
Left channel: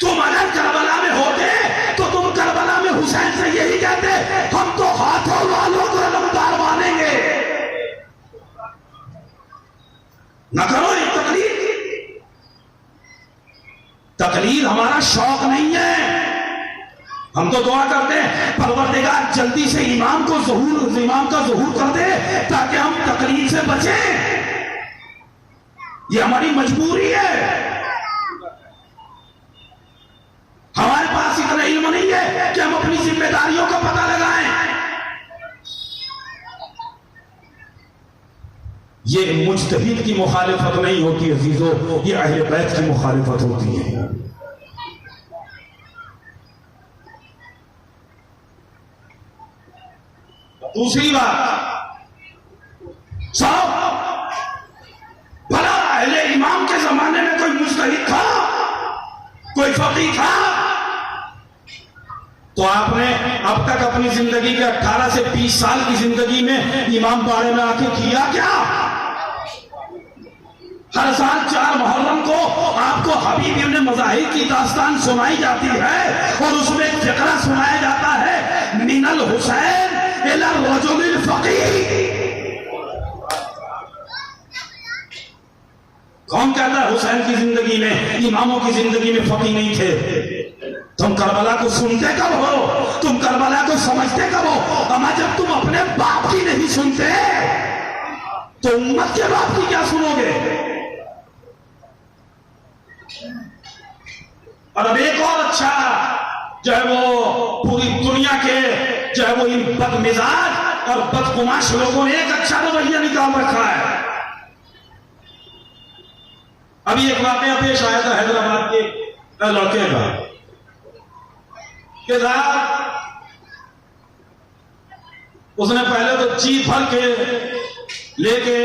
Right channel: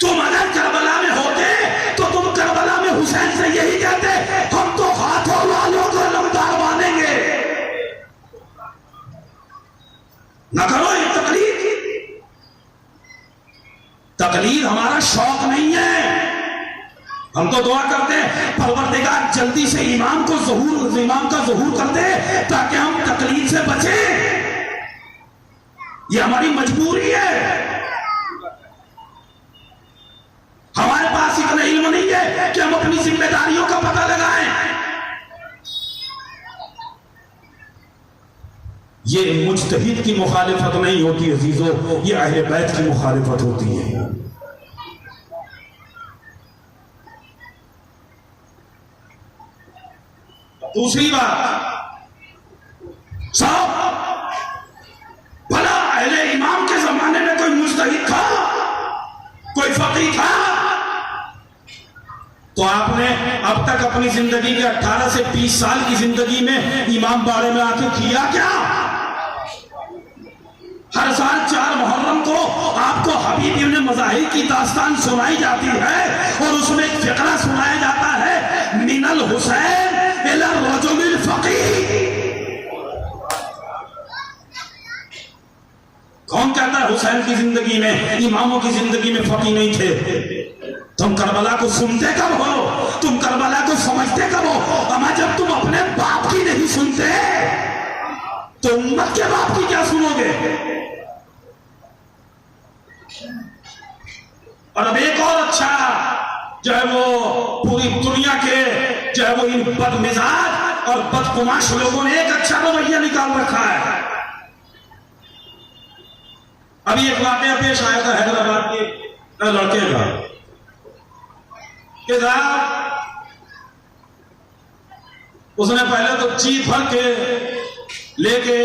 तुम अगर करबला में होते तो तुम करबला में हुसैन से यही कहते, हम तो हाथों वालों को लमदार मानेंगे। न करो ये तकलीद, तकलीद हमारा शौक नहीं है। हम तो दुआ करते हैं परवरदिगार जल्दी से इमाम का ज़हूर कर दे ताकि हम तकलीद से बचें। ये हमारी मजबूरी है। हमारे पास इतना इल्म नहीं है कि हम अपनी जिम्मेदारियों का पता लगाएं। ये मुज्तहिद की मुखालिफत नहीं होती अजीजों, ये अहले बैत की मुखालिफत होती है। दूसरी बात, साहब भला अहले इमाम के जमाने में कोई मुज्तहिद था, कोई फकीह था? तो आपने अब तक अपनी जिंदगी के 18 से 20 साल की जिंदगी में इमाम बारे में आके किया क्या? हर साल 4 मुहर्रम को आपको हबीब इब्न मज़ाहिर की दास्तान सुनाई जाती है और उसमें एक फिक्रा सुनाया जाता है, मिनल हुसैन इला रजुलिल फकीह। कौन कहता है हुसैन की जिंदगी में, इमामों की जिंदगी में फकीह नहीं थे? तुम करबला को सुनते कब हो? तुम करबला को समझते कब हो? अमा जब तुम अपने बाप की नहीं सुनते तो उम्मत के बाप की क्या सुनोगे? और अब एक और अच्छा जो है वो पूरी दुनिया के जो है वो इन बदमिजाज और बदकुमाश लोगों ने एक अच्छा रवैया निकाल रखा है। अभी एक वाकया पेश आया था हैदराबाद के लड़के का के साथ, उसने पहले तो ची भर के लेके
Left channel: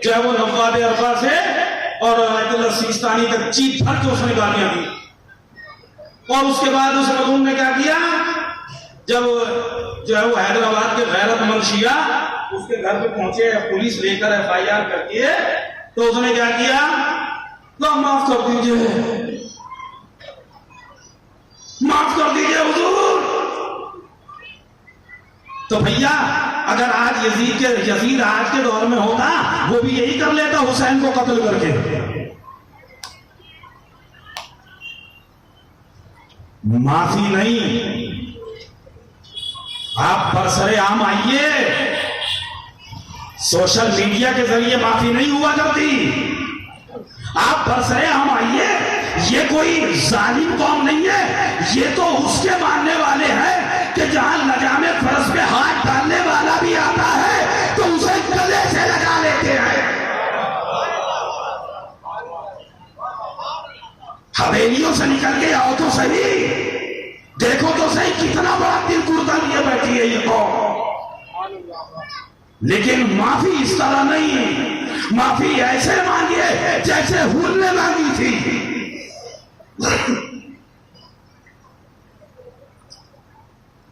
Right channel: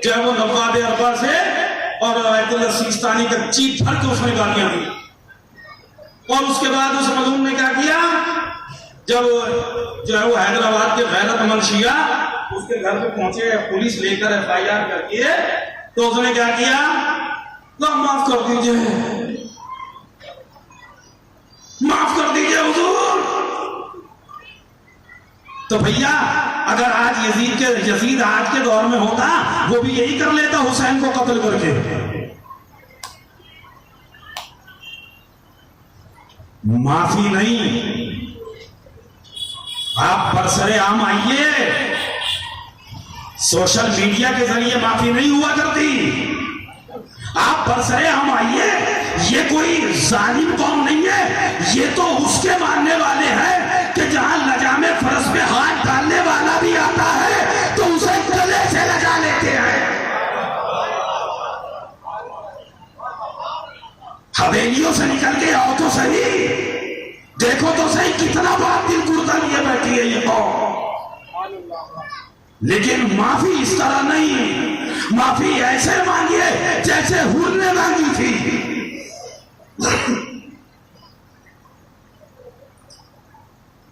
जो है वो नवाब अरबा से और सिस्तानी तक ची भर के उसने गालियां दी। और उसके बाद उस मजलूम ने क्या किया, जब जो है वो हैदराबाद के गैरतमंद शिया उसके घर पे पहुंचे, पुलिस लेकर FIR करके, तो उसने क्या किया, तो माफ कर दीजिए, माफ कर दीजिए हुजूर। तो भैया अगर आज यजीद आज के दौर में होता, वो भी यही कर लेता, हुसैन को कत्ल करके। माफी नहीं, आप बरसरे आम आइए, सोशल मीडिया के जरिए माफी नहीं हुआ करती। आप बरसरे आम आइए, ये कोई जालिम कौम नहीं है, ये तो उसके मानने वाले हैं कि जहां लजामे फर्श पे हाथ डालने वाला भी आता है तो उसे गले से लगा लेते हैं। हवेलियों से निकल के आओ तो सही, देखो तो सही कितना बड़ा दिल कुर्ता लिए बैठी है ये कौम। लेकिन माफी इस तरह नहीं, माफी ऐसे मांगिए जैसे हुर ने मांगी थी।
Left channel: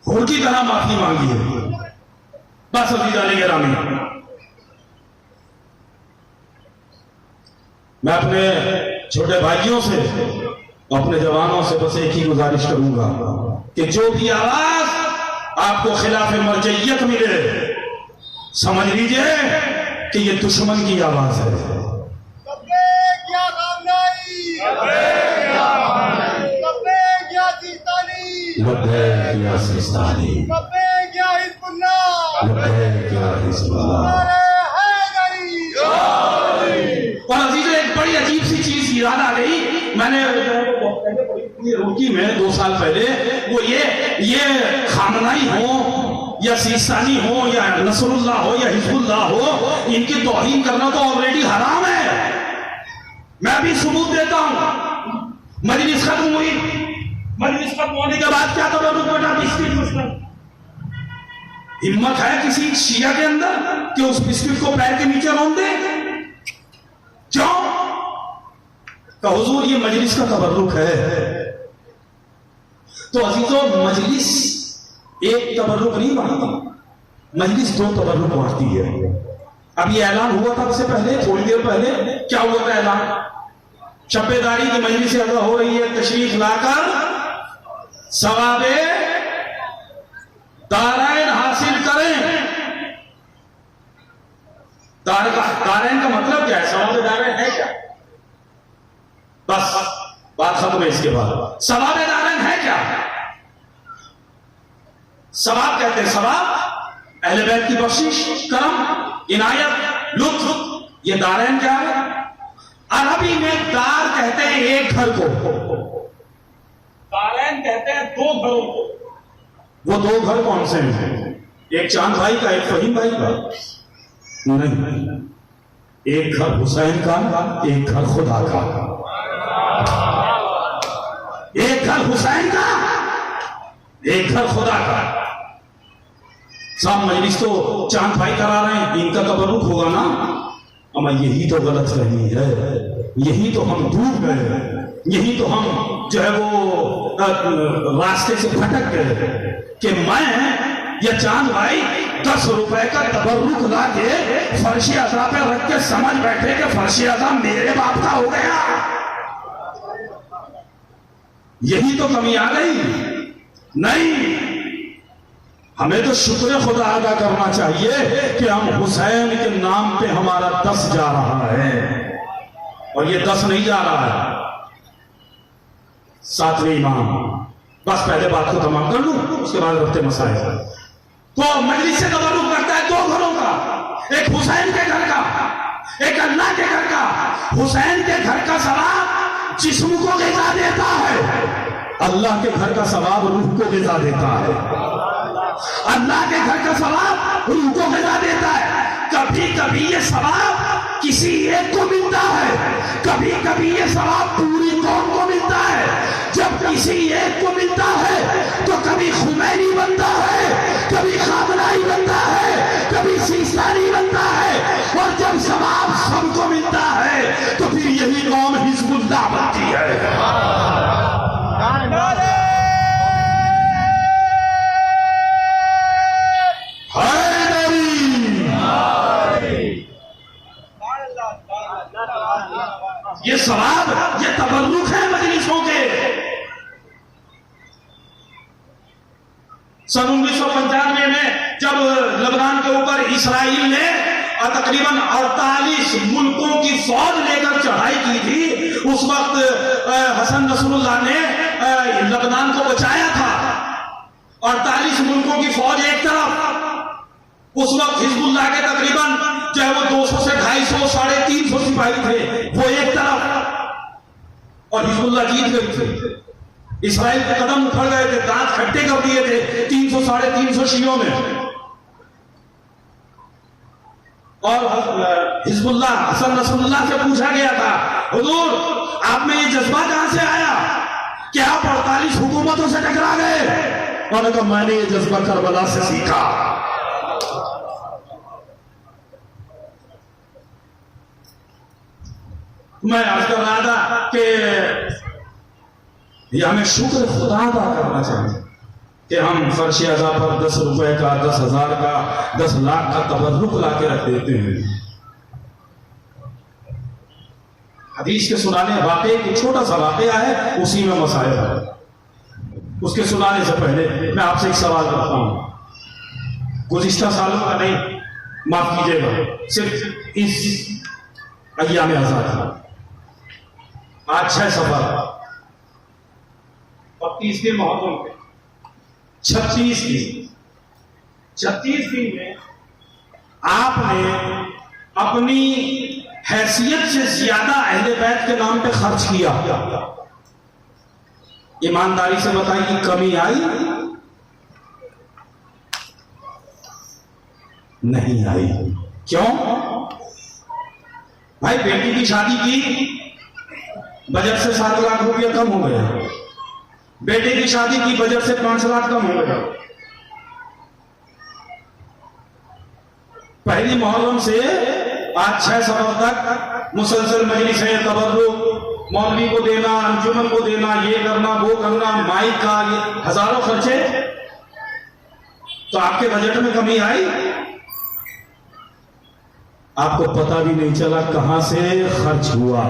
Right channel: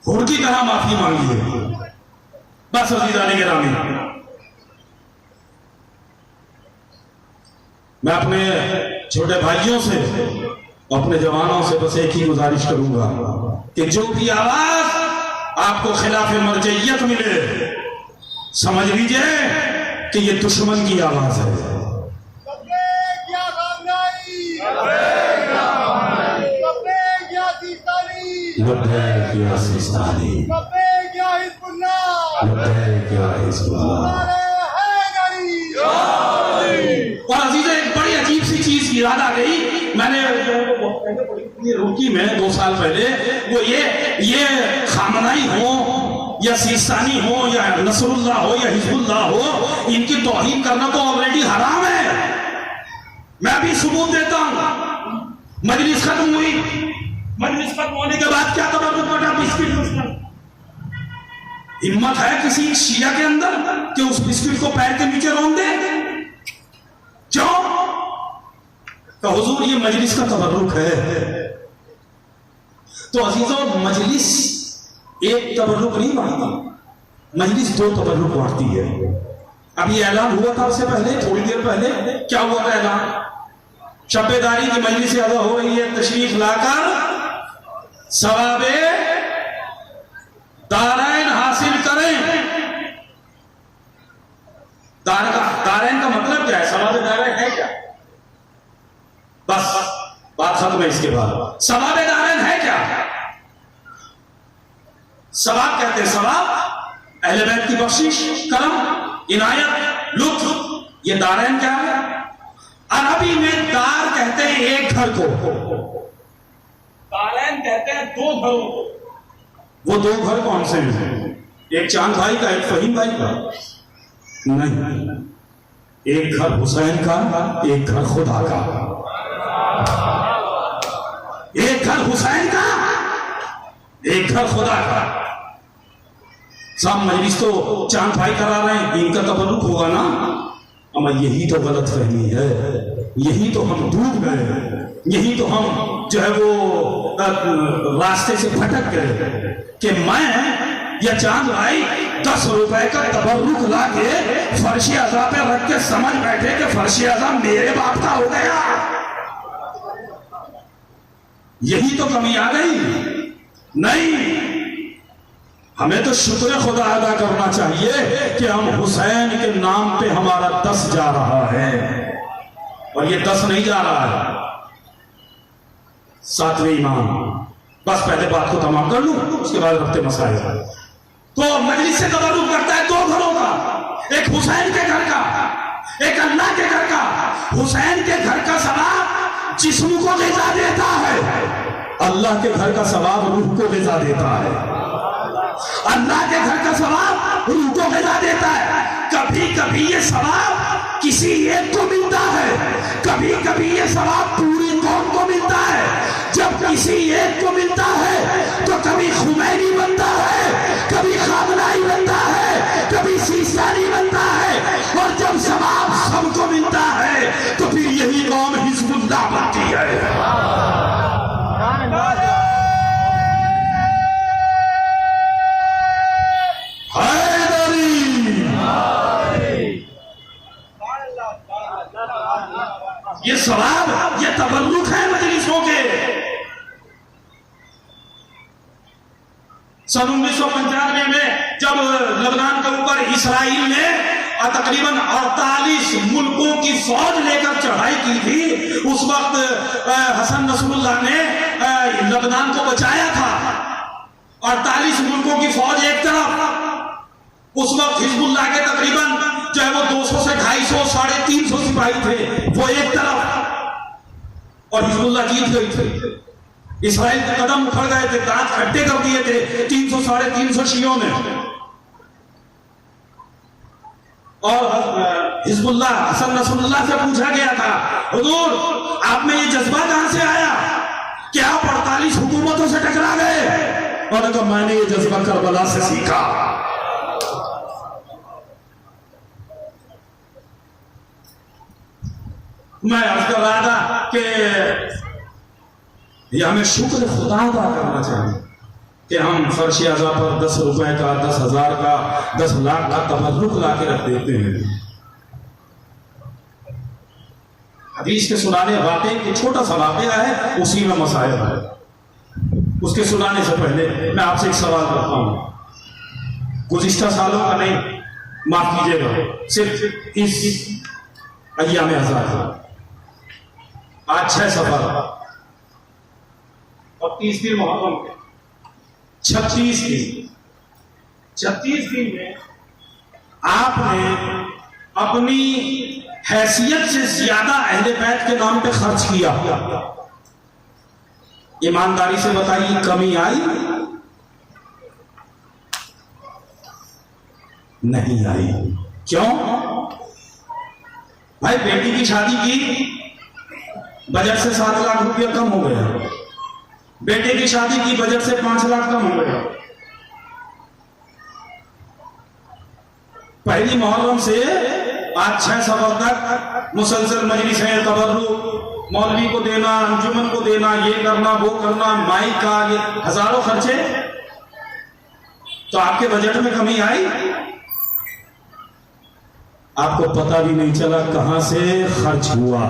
हुर की तरह माफी मांगिए। बस अजीज़ान गिरामी, मैं अपने छोटे भाइयों से, अपने जवानों से बस एक ही गुजारिश करूंगा कि जो भी आवाज आपको खिलाफ मर्जियत मिले, समझ लीजिए कि ये दुश्मन की आवाज है। और अजीज़ एक बड़ी अजीब सी चीज याद आ गई, मैंने रोकी में 2 साल पहले, वो ये खामनाई हो या सिस्तानी हो या नसरुल्लाह हो या हिजबुल्लाह हो, इनकी तौहीन करना तो ऑलरेडी हराम है। मैं अभी सबूत देता हूं। मजलिस खत्म हुई, मजलिस खत्म होने के बाद क्या करा, बिस्किट उसका हिम्मत है किसी शिया के अंदर कि उस बिस्किट को पैर के नीचे रौंद दे? क्यों? तो हुजूर ये मजलिस का तबर्रुक है। तो अजीजों, मजलिस एक तबर्रुक नहीं बांटती, मजलिस 2 तबर्रुक बांटती है। अब ये ऐलान हुआ था उससे पहले, थोड़ी देर पहले क्या हुआ था ऐलान, शब्बेदारी की मजलिस अदा हो रही है, तशरीफ लाकर सवाबे दारैन हासिल करें। दारैन का मतलब क्या है, सवाबे दारैन है क्या? बस बात खत्म है। इसके बाद सवाबे दारैन है क्या? सवाब कहते हैं, सवाब अहले बैत की बख्शिश, करम, इनायत, लुत्फ। ये दारैन क्या है? अरबी में दार कहते हैं एक घर को, दारैन कहते हैं 2 घरों को। वो 2 घर कौन से हैं? एक चांद भाई का, एक फहीम भाई का? नहीं, एक घर हुसैन का, एक घर खुदा का। एक घर हुसैन का, एक घर खुदा का। साहब मजलिस तो चांद भाई करा रहे हैं, इनका तबर्रुक होगा ना? अमा यही तो गलत फहमी है, यही तो हम डूब गए, यही तो हम जो है वो रास्ते से भटक गए कि मैं या चांद भाई 10 रुपए का तबर्रुक ला के फर्शी अज़ा पे रख के समझ बैठे कि फर्शी अज़ा मेरे बाप का हो गया। यही तो कमी आ गई। नहीं, हमें तो शुक्र खुदा अदा करना चाहिए कि हम हुसैन के नाम पे हमारा 10 जा रहा है, और ये 10 नहीं जा रहा है, 7वें इमाम। बस पहले बात को तमाम कर लूं, उसके बाद रखते मसाइल। तो मजलिस से तबर्रुक करता है 2 घरों का, एक हुसैन के घर का, एक अल्लाह के घर का। हुसैन के घर का सवाब जिस्म को ग़िज़ा देता है, अल्लाह के घर का सवाब रूह को ग़िज़ा देता है। अल्लाह के घर का सवाब रूह को ग़िज़ा देता है। कभी कभी ये सवाब किसी एक को मिलता है, कभी कभी ये सवाब पूरी कौम को मिलता है। जब किसी एक को मिलता है तो कभी खुमैनी बनता है, कभी खामनाई बनता है, कभी सीस्तानी बनता है, और जब सवाब सबको मिलता है तो फिर यही कौम हिज़्बुल्लाह बनती है। ये सवाब, ये तबर्रुक है मजलिसों के। सन 1995 में जब लबनान के ऊपर इसराइल ने तकरीबन 48 मुल्कों की फौज लेकर चढ़ाई की थी, उस वक्त हसन नसरुल्लाह ने लबनान को बचाया था। 48 मुल्कों की फौज एक तरफ, उस वक्त हिजबुल्लाह के तकरीबन जो है वो 200 से 250, 350 सिपाही थे, वो एक तरफ, और हिजबुल्लाह जीत गई थी। इसराइल के कदम उखड़ गए थे, दांत खट्टे कर दिए थे 300, 350 शियों ने। और हिजबुल्लाह हसन नसरुल्लाह से पूछा गया था, हुजूर आप में ये जज्बा कहां से आया कि आप 48 हुकूमतों से टकरा गए? और कहा मैंने ये जज्बा करबला से सीखा। मैं अर्ज कर रहा था कि ये हमें शुक्र खुदा अदा करना चाहिए कि हम फर्श अज़ा पर 10 रुपए का, 10,000 का, 10 लाख का तबर्रुक ला के रख देते हैं। हदीस के सुनाने वाक़े की छोटा सा वाक़या है, उसी में मसाइल है। उसके सुनाने से पहले मैं आपसे एक सवाल करता हूं। गुज़िश्ता सालों का नहीं, माफ कीजिएगा, सिर्फ इस अय्याम आज़ाद आज 6 सफर और 30 दिन मुहर्रम के 36 दिन में आपने अपनी हैसियत से ज्यादा अहले बैत के नाम पे खर्च किया। ईमानदारी से बताइए, कमी आई? नहीं आई। क्यों? भाई बेटी की शादी की, बजट से 7 लाख रुपया कम हो गया। बेटे की शादी की, बजट से 5 लाख कम हो गया। पहली मुहर्रम से आज 6 सफर तक मुसलसल मजलिस है, तबर्रुक, मौलवी को देना, अंजुमन को देना, ये करना, वो करना, माइक का, ये हजारों खर्चे। तो आपके बजट में कमी आई? आपको पता भी नहीं चला कहां से खर्च हुआ।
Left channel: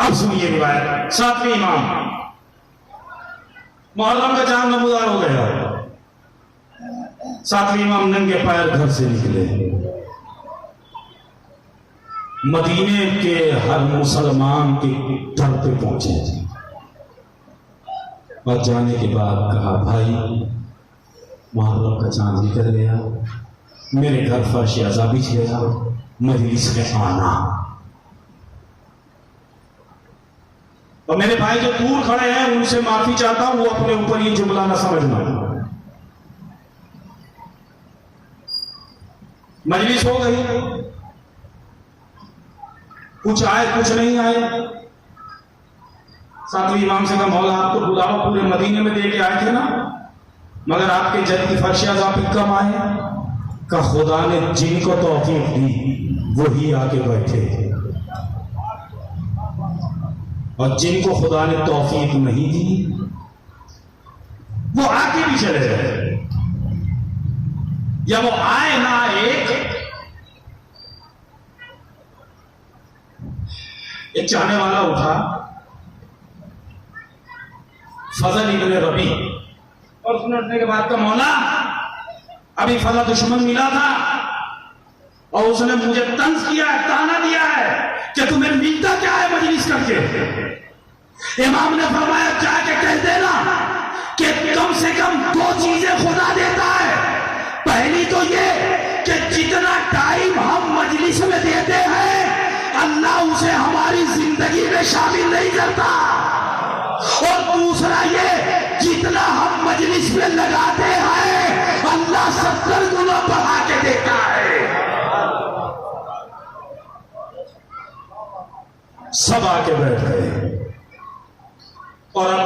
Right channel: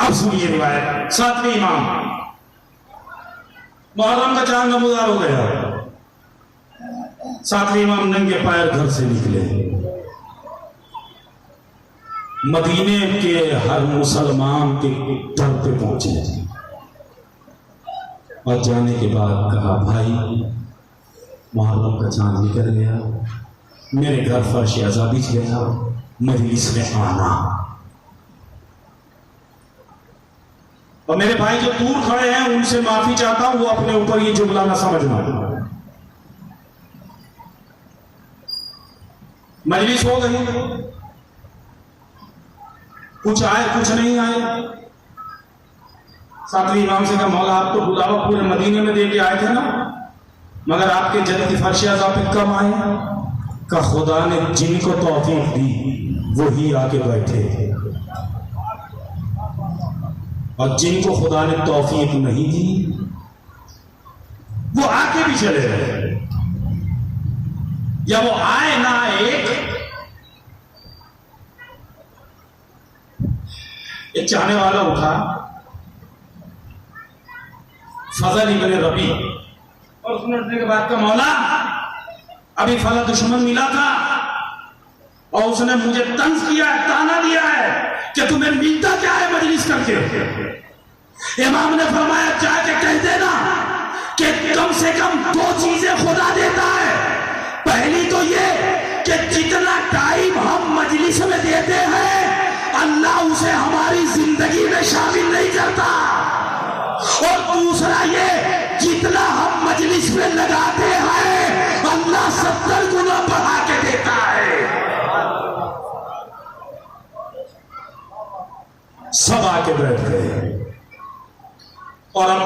अब सुनिए रिवायत। 7वें इमाम, मुहर्रम का चांद नमूदार हो गया। 7वें इमाम नंगे पैर घर से निकले। मदीने के हर मुसलमान के दर पे पहुंचे और जाने के बाद कहा, भाई मुहर्रम का चांद निकल गया, मेरे घर फर्श अज़ा बिछ गया, मजलिस में आना। और मेरे भाई जो दूर खड़े हैं उनसे माफी चाहता हूं, वो अपने ऊपर ये जुमला ना समझना। मजलिस हो गई, कुछ आए कुछ नहीं आए। 7वें इमाम से कहा, मौला आपको बुलावा पूरे मदीने में दे के आए थे ना, मगर आपके जद की फर्श अज़ा पे कम आए। का खुदा ने जिनको तौफीक दी वही आके बैठे, और जिनको खुदा ने तौफीक नहीं दी वो आके भी चले रहे। या वो आए ना आए, एक चाहने वाला उठा, फजल इब्न रबी, और सुनने के बाद का, मौला अभी फला दुश्मन मिला था और उसने मुझे तंज किया है, ताना दिया है कि तुम्हें मिलता क्या है मजलिस करके। इमाम ने फरमाया, जाके कह देना कि कम से कम 2 चीजें खुदा देता है। पहली तो ये कि जितना टाइम हम मजलिस में देते हैं अल्लाह उसे हमारी जिंदगी में शामिल नहीं करता, और दूसरा ये जितना हम मजलिस में लगाते हैं अल्लाह 70 गुना बढ़ा के देता है। सब आके बैठ गए, और अब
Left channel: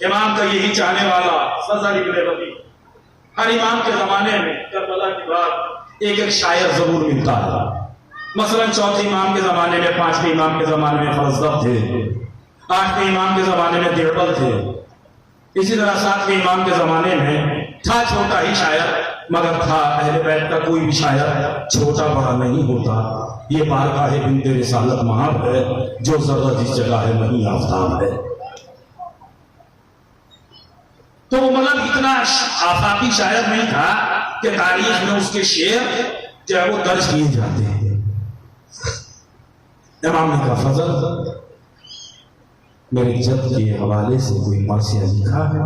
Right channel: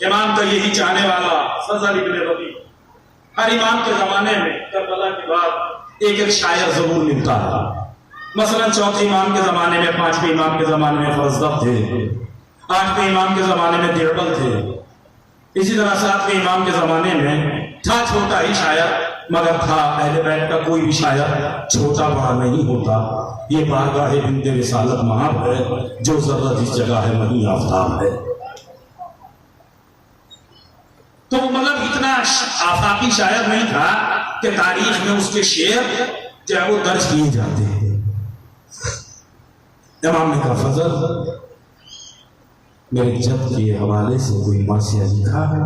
इमाम का यही चाहने वाला फजल इब्न रबी, हर इमाम के जमाने में करबला के बाद एक एक शायर जरूर मिलता था। मसलन चौथे इमाम के जमाने में, 5वें इमाम के जमाने में फजल थे, 8वें इमाम के जमाने में दिरबल थे, इसी तरह 7वें इमाम के जमाने में था छोटा ही शायर मगर था अहले बैत का कोई भी शायर छोटा बड़ा नहीं होता। ये बारगाह बिनते रिसालत महाब है, जो जर्रा जिस जगह है वहीं आफ्ताब है। तो वो मतलब इतना आफाकी शायर नहीं था कि तारीख में उसके शेर जो है वो दर्ज किए जाते हैं। इमाम ने कहा फजल मेरे जद के हवाले से कोई मरसिया लिखा है?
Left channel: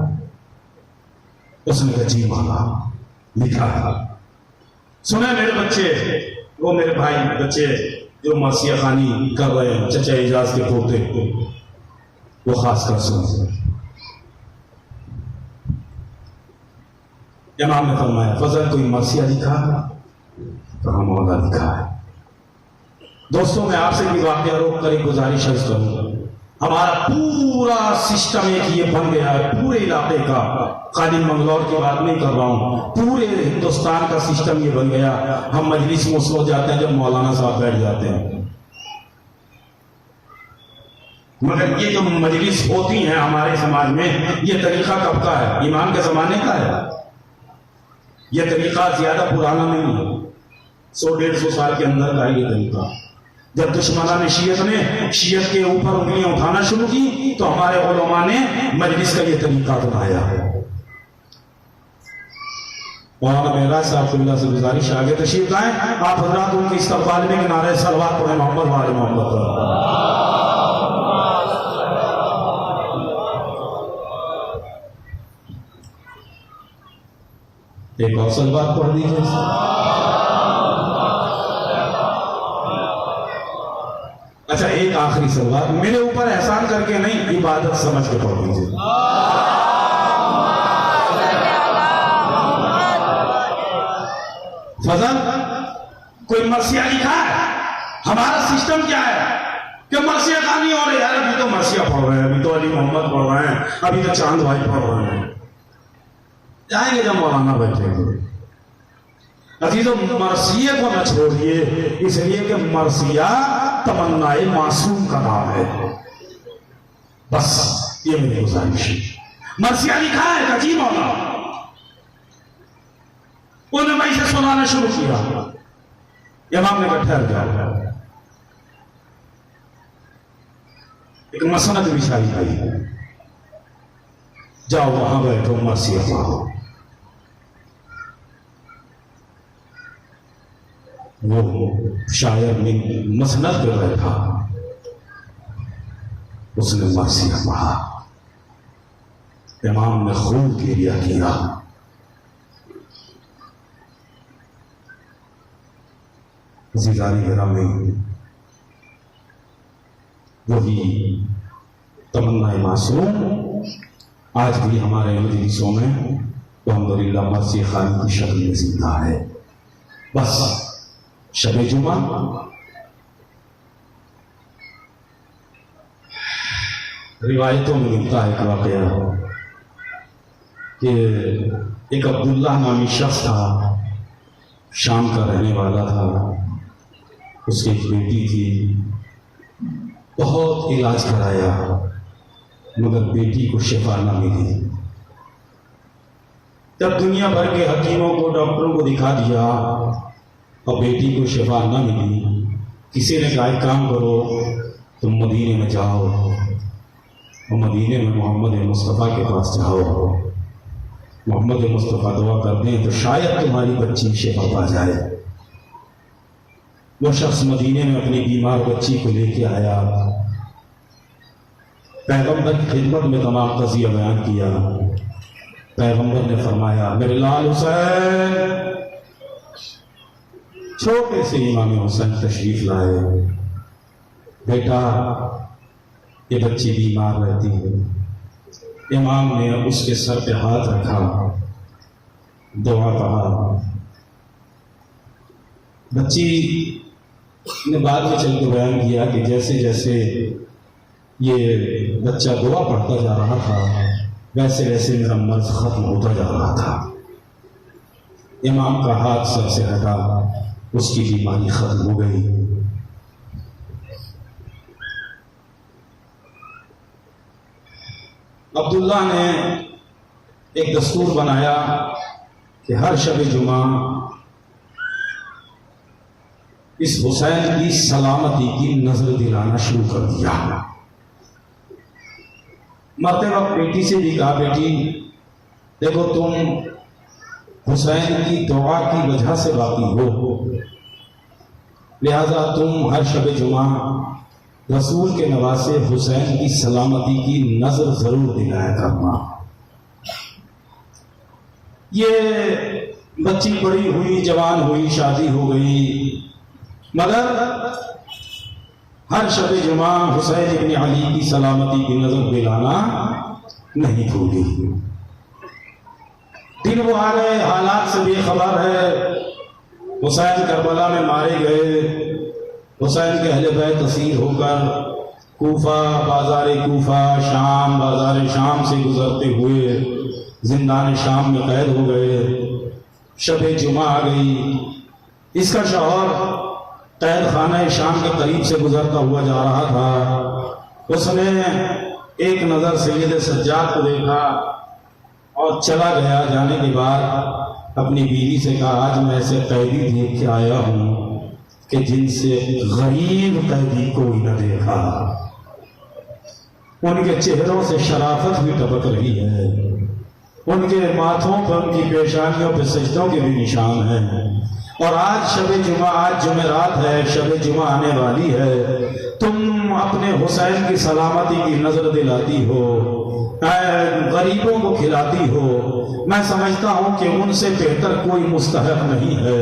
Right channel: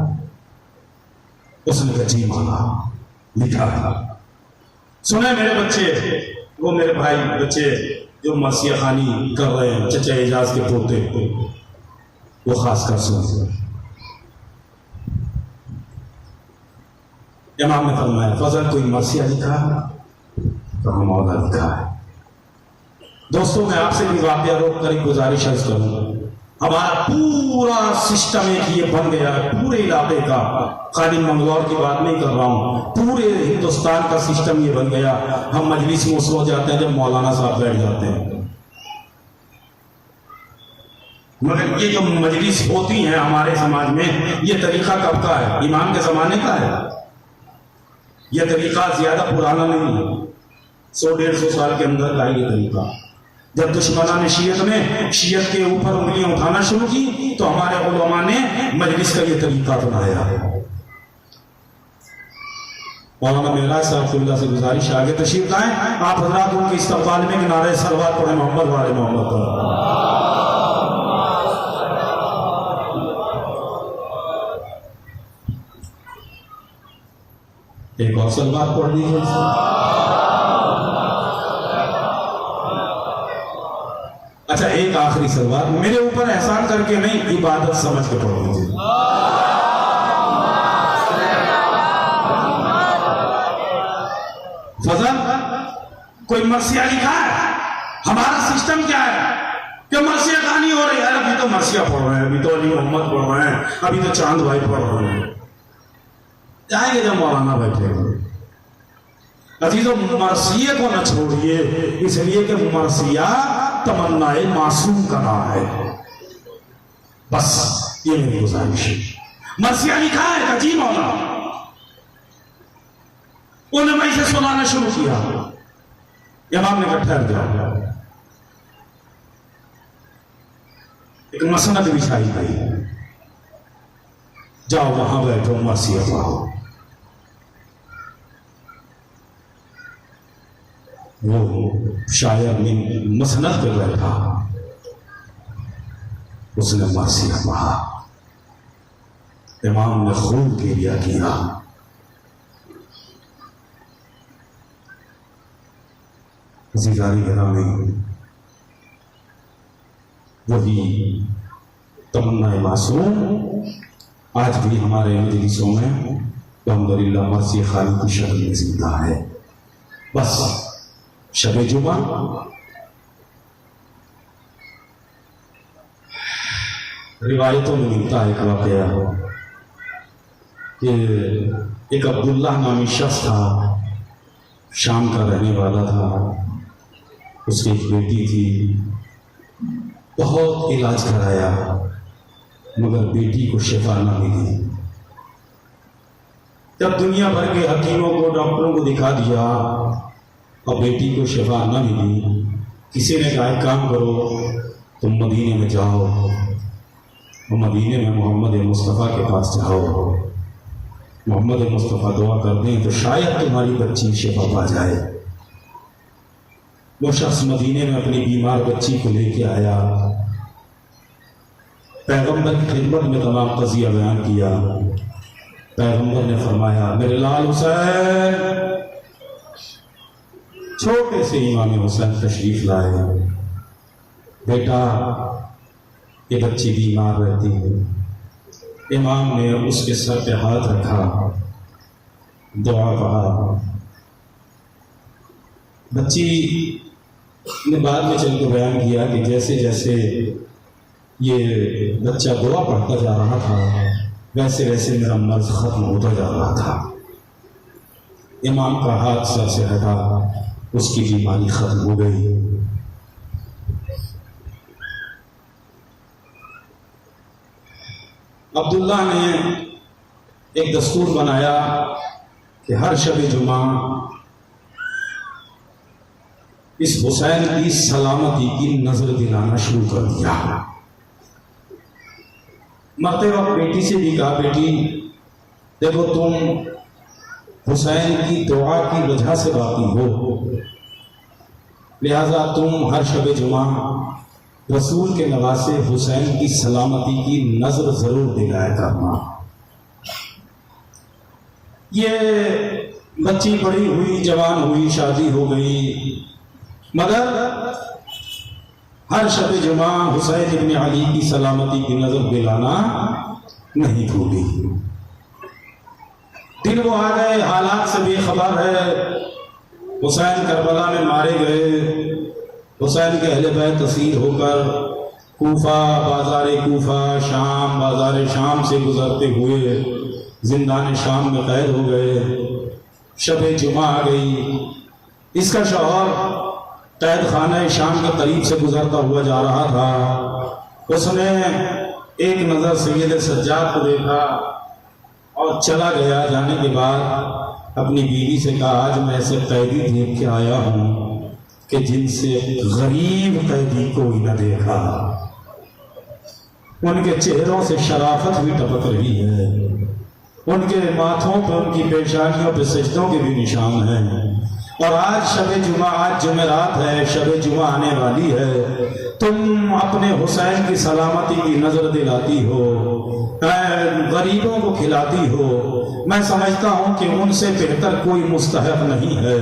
उसने कहा जी माला लिखा है। सुने मेरे बच्चे, वो मेरे भाई बच्चे जो मरसिया खानी कर रहे हैं, चचा एजाज के पोते, वो खासकर सुन। इमाम ने फरमाया फजल कोई मरसिया लिखा है? कहा मौला लिखा है। दोस्तों मैं आपसे भी वाकया रोक कर एक गुजारिश करूंगा। हमारा पूरा सिस्टम एक ये बन गया है, पूरे इलाके का, खाली मंगलौर की बात नहीं कर रहा हूं, पूरे हिंदुस्तान का सिस्टम ये बन गया। हम मजलिस में उस वक्त जाते हैं जब मौलाना साहब बैठ जाते हैं, मगर ये जो मजलिस होती है हमारे समाज में, ये तरीका कब का है? इमाम के जमाने का है। ये तरीका ज्यादा पुराना नहीं है, 100-150 साल के अंदर का ये तरीका। जब दुश्मनान शीयत ने शीयत के ऊपर उंगलियां उठाना शुरू की तो हमारे उलमा ने मजलिस का ये तरीका अपनाया है। मौलाना मेहराज साहब फिल्ला से गुजारिश आगे तशरीफ लाएं, आप हजरात उनके इस्तकबाल में किनारे सलवात पढ़े मोहम्मद वाले मोहम्मद पर। एक और सलवात पढ़ दीजिए। अच्छा एक आखिरी सलवात मेरे ऊपर एहसान करके नहीं, इबादत समझ के पढ़ दीजिए। फजल कोई मरसिया लिखा है? हमारा सिस्टम क्या है कि मरसिया गानी हो रही है। अभी तो मरसिया पढ़ रहे हैं, अभी तो अली मोहम्मद पढ़ रहे हैं, अभी तो चांद भाई पढ़ रहे हैं। जाएंगे जब मौलाना बैठे। अजीजों मरसिया को न छोड़िए, इसलिए कि मरसिया तमन्नाए मासूम का नाम है। बस ये मेरी गुजारिश है। मरसिया लिखा है अजी मौला, उन्होंने मैं इसे सुनाना शुरू किया। इमाम ने ठहर गया, एक मसनद बिछाई गई, जाओ वहां बैठो मरसिया पढ़ो। वो शायर ने मसनद पे बैठा, उसने मरसिया पढ़ा। इमाम ने खूब गिरिया किया। ज़िंदारी गिरामी वही तमन्ना मासूम आज भी हमारे मजलिसों में अल्हम्दुलिल्लाह मरसिया खानी की शक्ल में जिंदा है। बस शबे जुमा रिवायतों में मिलता है एक वाकया कि एक अब्दुल्ला नामी शख्स था, शाम का रहने वाला था। उसकी एक बेटी थी, बहुत इलाज कराया मगर बेटी को शिफा ना मिली। जब दुनिया भर के हकीमों को, डॉक्टरों को दिखा दिया और बेटी को शिफा ना मिली, किसी ने कहा एक काम करो, तुम मदीने में जाओ और मदीने में मोहम्मद मुस्तफ़ा के पास जाओ, मोहम्मद मुस्तफ़ा दुआ कर दें तो शायद तुम्हारी बच्ची शिफा पा जाए। वो शख्स मदीने में अपनी बीमार बच्ची को लेके आया, पैगंबर की खिदमत में तमाम कज़िया बयान किया। पैगंबर ने फरमाया मेरे लाल हुसैन, छोटे से इमाम हुसैन तशरीफ लाए। बेटा ये बच्ची बीमार रहती है। इमाम ने उसके सर पे हाथ रखा, दुआ पढ़ा। बच्ची ने बाद में चल के बयान किया कि जैसे जैसे ये बच्चा दुआ पढ़ता जा रहा था वैसे वैसे मेरा मर्ज खत्म होता जा रहा था। इमाम का हाथ सर से हटा, उसकी बीमारी खत्म हो गई। अब्दुल्ला ने एक दस्तूर बनाया कि हर शब जुमा इस हुसैन की सलामती की नजर दिलाना शुरू कर दिया। मरते वक्त बेटी से भी कहा, बेटी देखो तुम हुसैन की दुआ की वजह से बाकी हो, लिहाजा तुम हर शब जुमा रसूल के नवासे हुसैन की सलामती की नजर जरूर दिलाया करना। ये बच्ची बड़ी हुई, जवान हुई, शादी हो गई, मगर हर शब जुमा हुसैन इब्न अली की सलामती की नजर दिलाना नहीं भूली। दिन वो आ गए, हालात से बेखबर है। हुसैन करबला में मारे गए। हुसैन के अहले बैत तसीर होकर कूफा, बाजार कूफा, शाम, बाजार शाम से गुजरते हुए जिंदान शाम में कैद हो गए। शब जुमा आ गई। इसका शौहर कैद खाना शाम के करीब से गुजरता हुआ जा रहा था। उसने एक नज़र सैयद सज्जाद को देखा और चला गया। जाने के बाद अपनी बीवी से कहा, आज मैं ऐसे कैदी देख के आया हूं कि जिनसे गरीब कैदी कोई न देखा। उनके चेहरों से शराफत भी टपक रही है, उनके माथों पर, उनकी पेशानियों पर सजदों के भी निशान हैं। और आज शब जुमा, आज जुमेरात है, शब जुमा आने वाली है, तुम अपने हुसैन की सलामती की नजर दिलाती हो, गरीबों को खिलाती हो। मैं समझता हूं कि उनसे बेहतर कोई मुस्तहक नहीं है,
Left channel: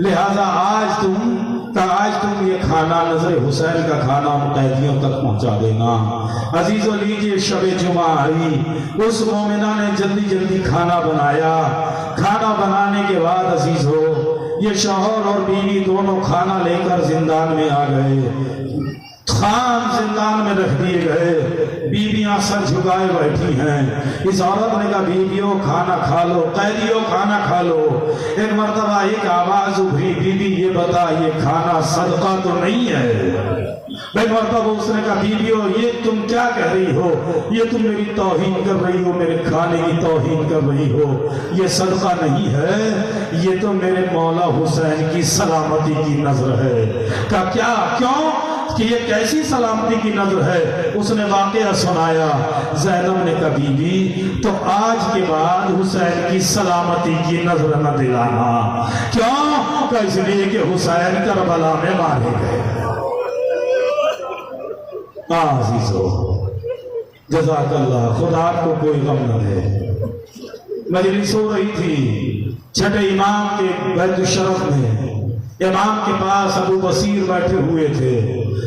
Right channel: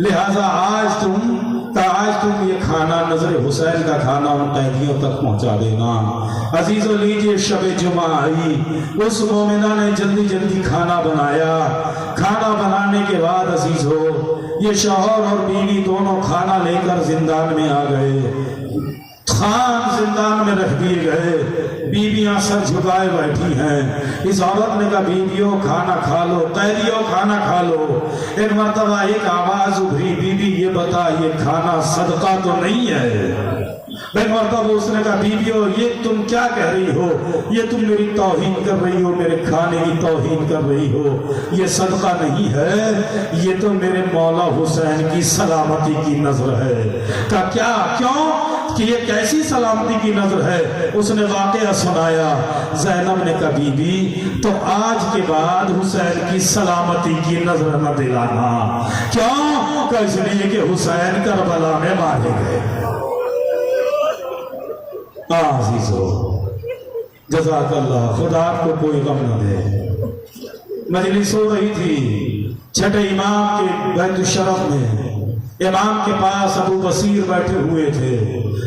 लिहाजा आज तुम ये खाना, नजर हुसैन का खाना उन कैदियों तक पहुंचा देना। अजीजों, लीजिए शब जुमा आई, उस मोमिना ने जल्दी जल्दी खाना बनाया। खाना बनाने के बाद अजीजों, ये शौहर और बीवी दोनों खाना लेकर जिंदान में आ गए। खान जिंदान में रख दिए गए। बीवियां सर झुकाए बैठी हैं। इस औरत ने कहा, बीवियों खाना खा लो, कैदियों खाना खा लो। एक मर्तबा एक आवाज उभरी, बीवी ये बता, ये खाना सदका तो नहीं है? एक मर्तबा उसने कहा, बीवियों ये तुम क्या कह रही हो? ये तुम मेरी तौहीन कर रही हो, मेरे खाने की तौहीन कर रही हो। ये सदका नहीं है, ये तो मेरे मौला हुसैन की सलामती की नजर है। का क्या, क्यों कि ये कैसी सलामती की नजर है? उसने वाकया सुनाया। ज़ैनब ने कहा, बीबी तो आज के बाद हुसैन की सलामती की नजर न दिलाना। क्यों? इसलिए कि हुसैन करबला में मारे गए। जज़ाकल्लाह, खुदा आपको कोई गम न दे। मजलिस हो रही थी छठे इमाम के बैत शरफ में। इमाम के पास अबू बसीर बैठे हुए थे।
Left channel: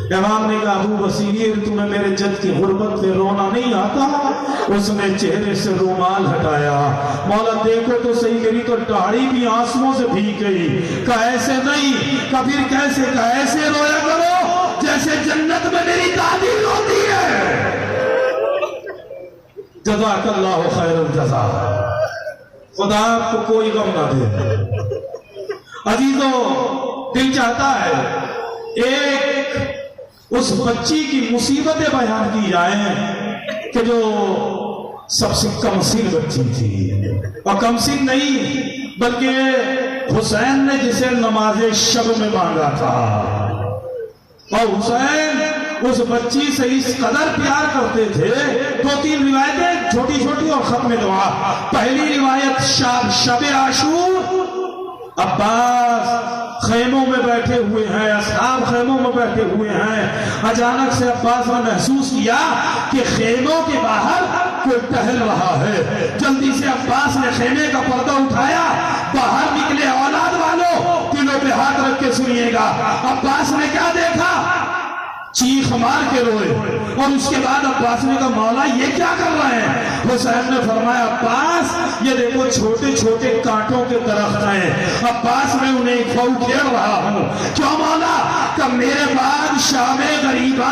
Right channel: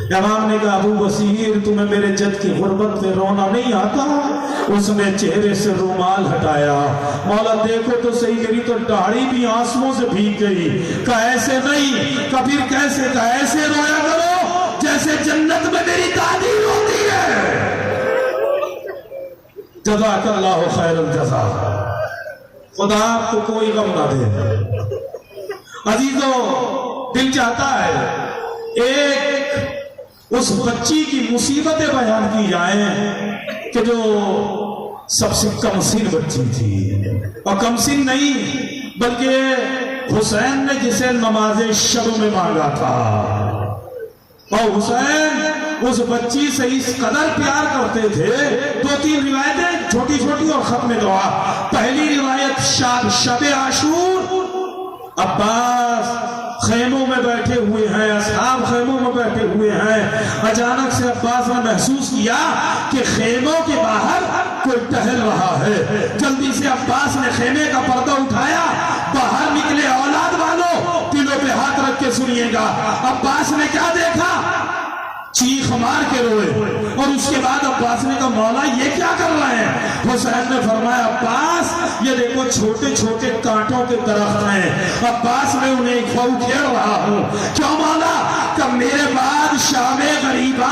इमाम ने कहा, अबू बसीर तुम्हें मेरे जद की गुर्बत में रोना नहीं आता? उसने चेहरे से रुमाल हटाया। मौला देखो तो सही, मेरी तो दाढ़ी भी आंसुओं से भीग गई। कहा ऐसे नहीं। कहा फिर कैसे? कहा ऐसे रोया करो जैसे जन्नत में मेरी दादी रोती है। जज़ाकल्लाहु खैरुल जज़ा, खुदा आपको कोई गम ना दे। अजीजों, दिल चाहता है एक उस बच्ची की मुसीबतें बयान की जाएं कि जो सबसे कमसिन बच्ची थी। और कमसिन नहीं बल्कि हुसैन ने जिसे नमाज़े शब में मांगा था, और हुसैन उस बच्ची से इस कदर प्यार करते थे। दो तीन रिवायतें छोटी छोटी और खत्म दुआ। पहली रिवायत शब आशूर, अब्बास खेमों में बैठे हुए हैं, असहाब खेमों में बैठे हुए हैं। अचानक से अब्बास ने महसूस किया कि खेमों के बाहर कोई टहल रहा है। जल्दी से अब्बास ने खेमे का पर्दा उठाया, बाहर निकले। औलाद वालों, दिलों पे हाथ रख के सुनिएगा। अब्बास ने क्या देखा? चीख मार के रोए। और उसके बाद अब्बास ने कहा, मौला ये क्या कर रहे हैं? हुसैन ने फरमाया, अब्बास ये देखो छोटे छोटे कांटों के दरख्त हैं, अब्बास मैं उन्हें उखेड़ रहा हूं। क्यों मौला? कब मेरे बाद शामे गरीबा,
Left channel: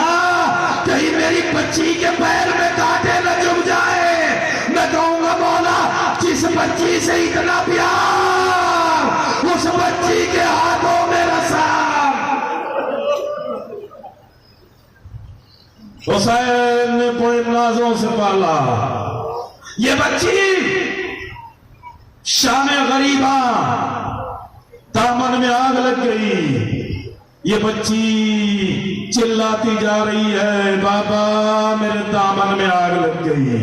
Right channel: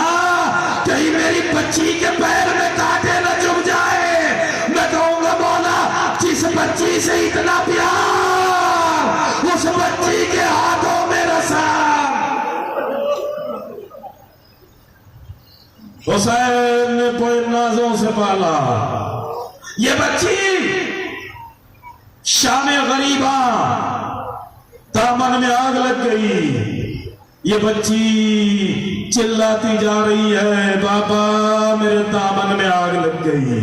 कहीं मेरी बच्ची के पैर में कांटे न चुभ जाए। मैं कहूंगा, मौला जिस बच्ची से इतना प्यार, उस बच्ची के हाथों में रसा। हुसैन ने कोई नाजों से पाला। ये बच्ची शाने गरीबा, दामन में आग लग गई। ये बच्ची चिल्लाती जा रही है, बाबा मेरे दामन में आग लग गई।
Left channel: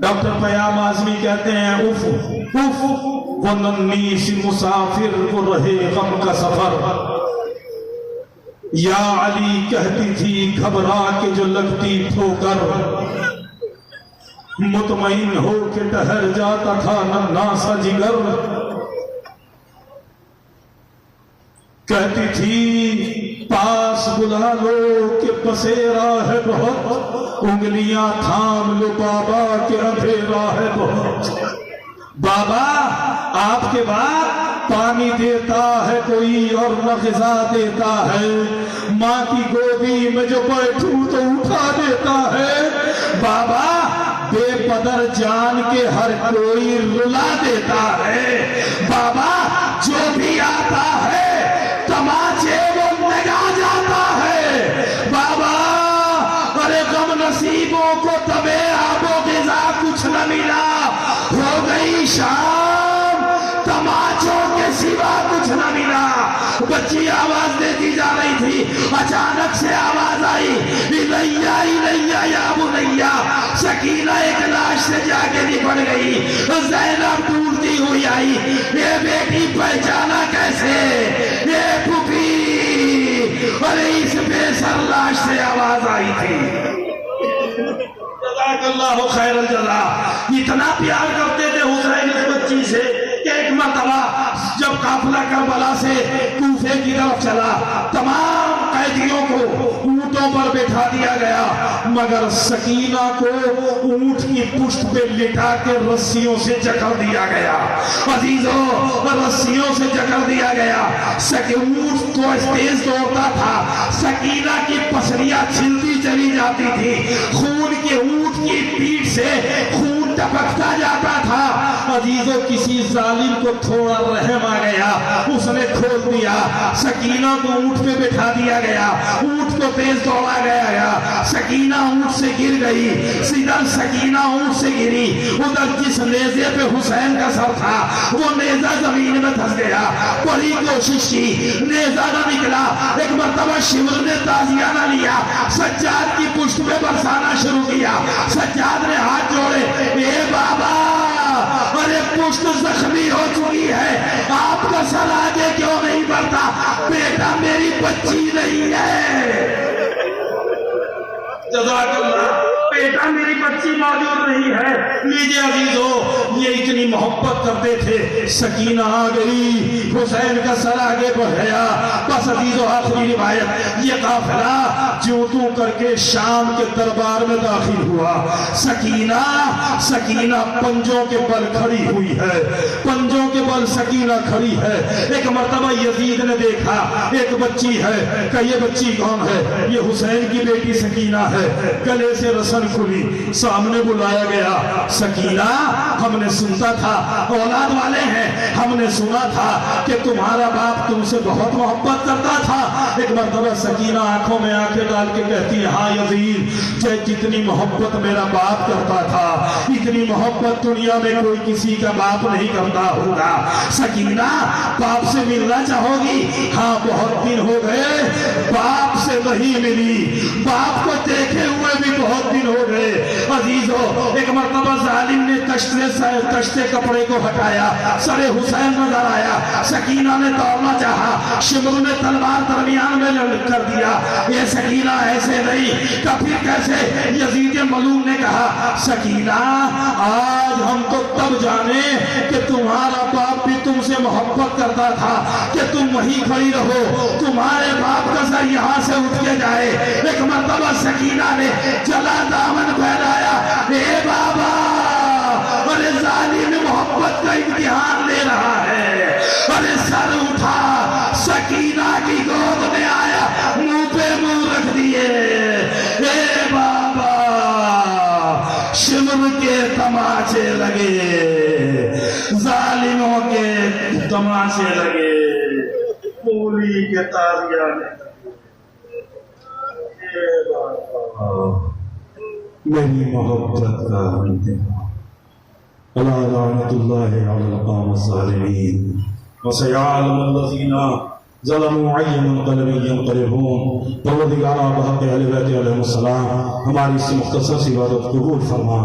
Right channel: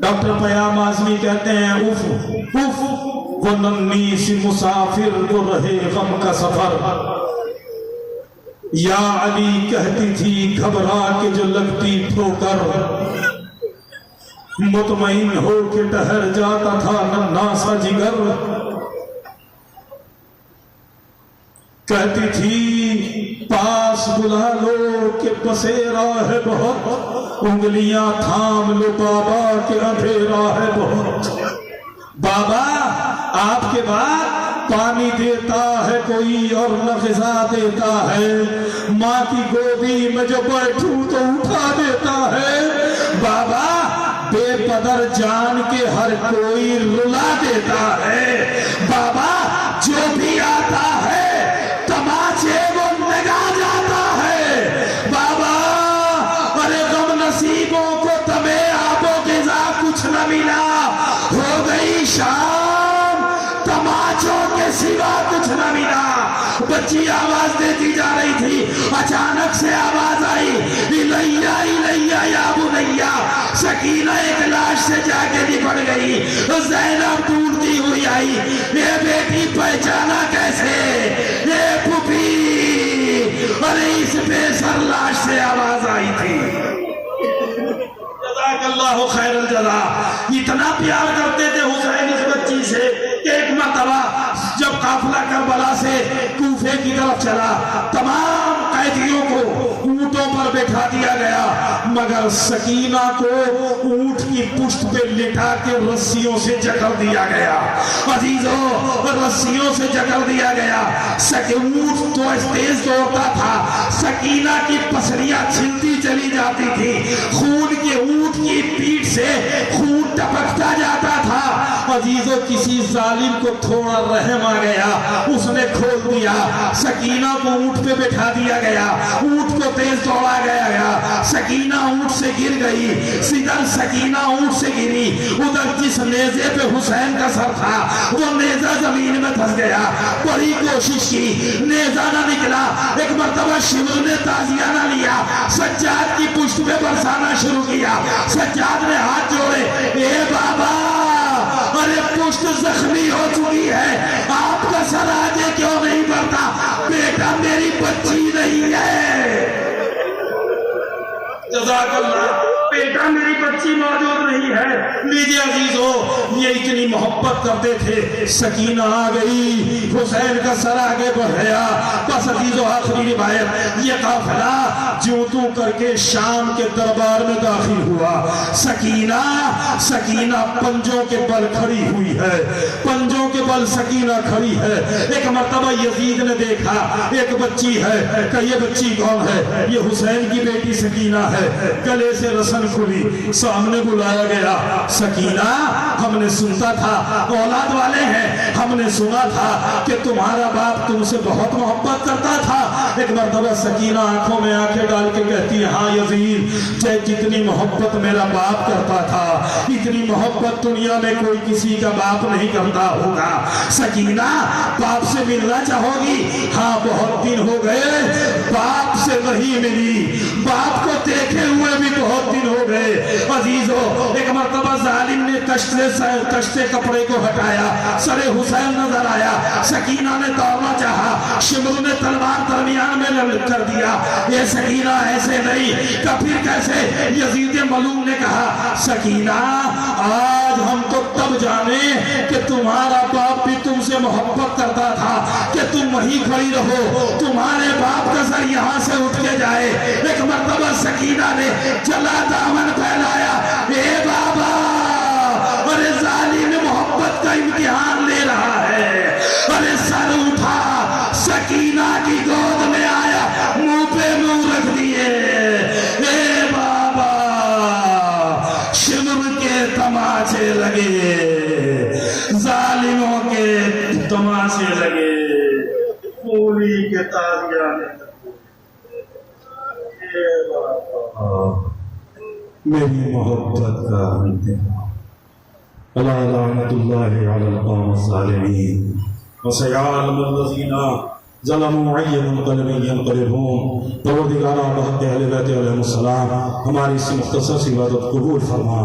डॉक्टर पयाम आजमी कहते हैं, उफ उफ वो नन्ही सी मुसाफिर, वो रहे गम का सफर। या अली कहती थी घबरा के जो लगती ठोकर, मुतमईन हो के ठहर जाता था नन्हा सा जिगर। कहती थी पास बुला लो कि बसेरा है बहुत, उंगलियां थाम लो बाबा के अंधेरा है बहुत। बाबा आपके बाद पानी देता है कोई और न ग़िज़ा देता है, माँ की गोदी में जो बैठूं तो उठा देता है। बाबा बेपदर जान के हर कोई रुला देता है। बाबा जो भी आता है तमाचे वो लगा जाता है। बाबा अरे गम नसीबों को तबे आबो ग़िज़ा कुछ न मिला, हो गई शाम तमाचों के सिवा कुछ न मिला। बच्ची आवाज देती जा रही थी, अचानक से आवाज आई, इलैया इलैया या बुनैया। सकीना एक लाश से जाके निपट गई। ज़ैनब ढूंढती हुई आई, ये बेटी पहचाना कैसे, ये फूफी। अरे इस बेसर लाश से आवाज आई थी। जज़ाकल्लाहु खैरल जज़ा। इतना प्यार करते थे हुसैन इस बच्ची से। एक मरतबा जब काफिला करबला से कूफे की तरफ चला, तमाम कैदियों को ऊंटों पर बैठा दिया गया, मगर सकीना को ऊंट की पुष्ट पे लिटा के रस्सियों से जकड़ दिया गया। अजीजों, रस्सियों से जकड़ दिया गया। ऊंट तो तेज दौड़ता था, सकीना की पसलियां छिलती चली जाती थी, खून के ऊंट की पीठ से खून टपकता जाता था। अजीजों, किसी जालिम को थोड़ा रहम आ गया, उसने खोल दिया। सकीना को ऊंट पे बैठा दिया गया, ऊंट को तेज दौड़ा गया, सकीना ऊंट से गिर गई। सीधा सकीना ऊंट से गिरी, उधर जिस नेज़े पे हुसैन का सर था वो नेज़ा जमीन में धंस गया। बड़ी कोशिश की, नेज़ा ना निकला। एक मरतबा शिवर ने ताजियाना लिया, सज्जाद की पुष्ट पे बरसाना शुरू किया। सज्जाद ने हाथ जोड़े, ए बाबा अरे पुष्ट जख्मी हो चुकी है, आपका सर आगे क्यों नहीं बढ़ता? बेटा मेरी बच्ची नहीं है। जज़ाकल्लाह, बेटा मेरी बच्ची मौजूद नहीं है। लीजिए अजीजों, ये इतनी मोहब्बत करते थे। सकीना आ गई, हुसैन का सर आगे बढ़ गया। बस अजीजों, आखिरी रिवायत, ये काफिला ज्यों त्यों करके शाम के दरबार में दाखिल हुआ। सकीना पंजों के बल खड़ी हुई है, पंजों के बल सकीना खड़ी है। एक मर्तबा यजीद ने देखा एक बच्ची है, कि ये बच्ची कौन है? ये हुसैन की बेटी सकीना है। गले से रसन खुली, सामने बुलाया गया। सकीना, हमने सुनता था, औलाद वाले हैं, हमने सुना था कि तुम्हारा बाप तुमसे बहुत मोहब्बत करता था। एक मर्तबा सकीना आंखों में आंखें डाल के कहती है, हाँ यजीद, जितनी मोहब्बत मेरा बाप करता था, इतनी मोहब्बत दुनिया में कोई किसी का बाप नहीं करता होगा। सकीना, बाप से मिलना चाहोगी? हाँ, बहुत दिन हो गए बाप से नहीं मिली, बाप को देखे हुए भी बहुत दिन हो गए। अजीजों, एक मरतबा जालिम ने कश्ते कपड़े को हटाया, सरे हुसैन नजर आया। सकीना ने दौड़ना चाहा, शिमर ने तलवार दरमियान में कर दिया। ये सकीना ऐसे नहीं, कफिर कैसे? यजीद मलूम ने कहा, सकीना, आज हम तो तब जाने कि तुम्हारा बाप भी तुमसे मोहब्बत करता था कि तुम वहीं खड़ी रहो, तुम्हारे बाप का सर यहाँ से उठ के जाए। एक मरतबा सकीना ने जला दामन फैलाया, ए बाबा, अरे जालिम मोहब्बत का इम्तिहान ले रहा है। अरे सर उठा, सकीना की गोद में आया, मुंह पे मुंह रख दिए। ए बाबा, शिमर के तमाचे लगे, जालिमों के तमाचे लगे, पूरी के ताजिया लगे। मेरी मोहब्बत का इम्तिहान, अला लानतुल्लाहि अलल कौमिज़ ज़ालिमीन व सयअलमुल्लज़ीना ज़लमू अय्युल मुनक़लिबिन यनक़लिबून। परवरदिगार बहक़ अहले बैत अलैहिस्सलाम हमारी इस मुख़्तसर सी इबादत कबूल फरमा।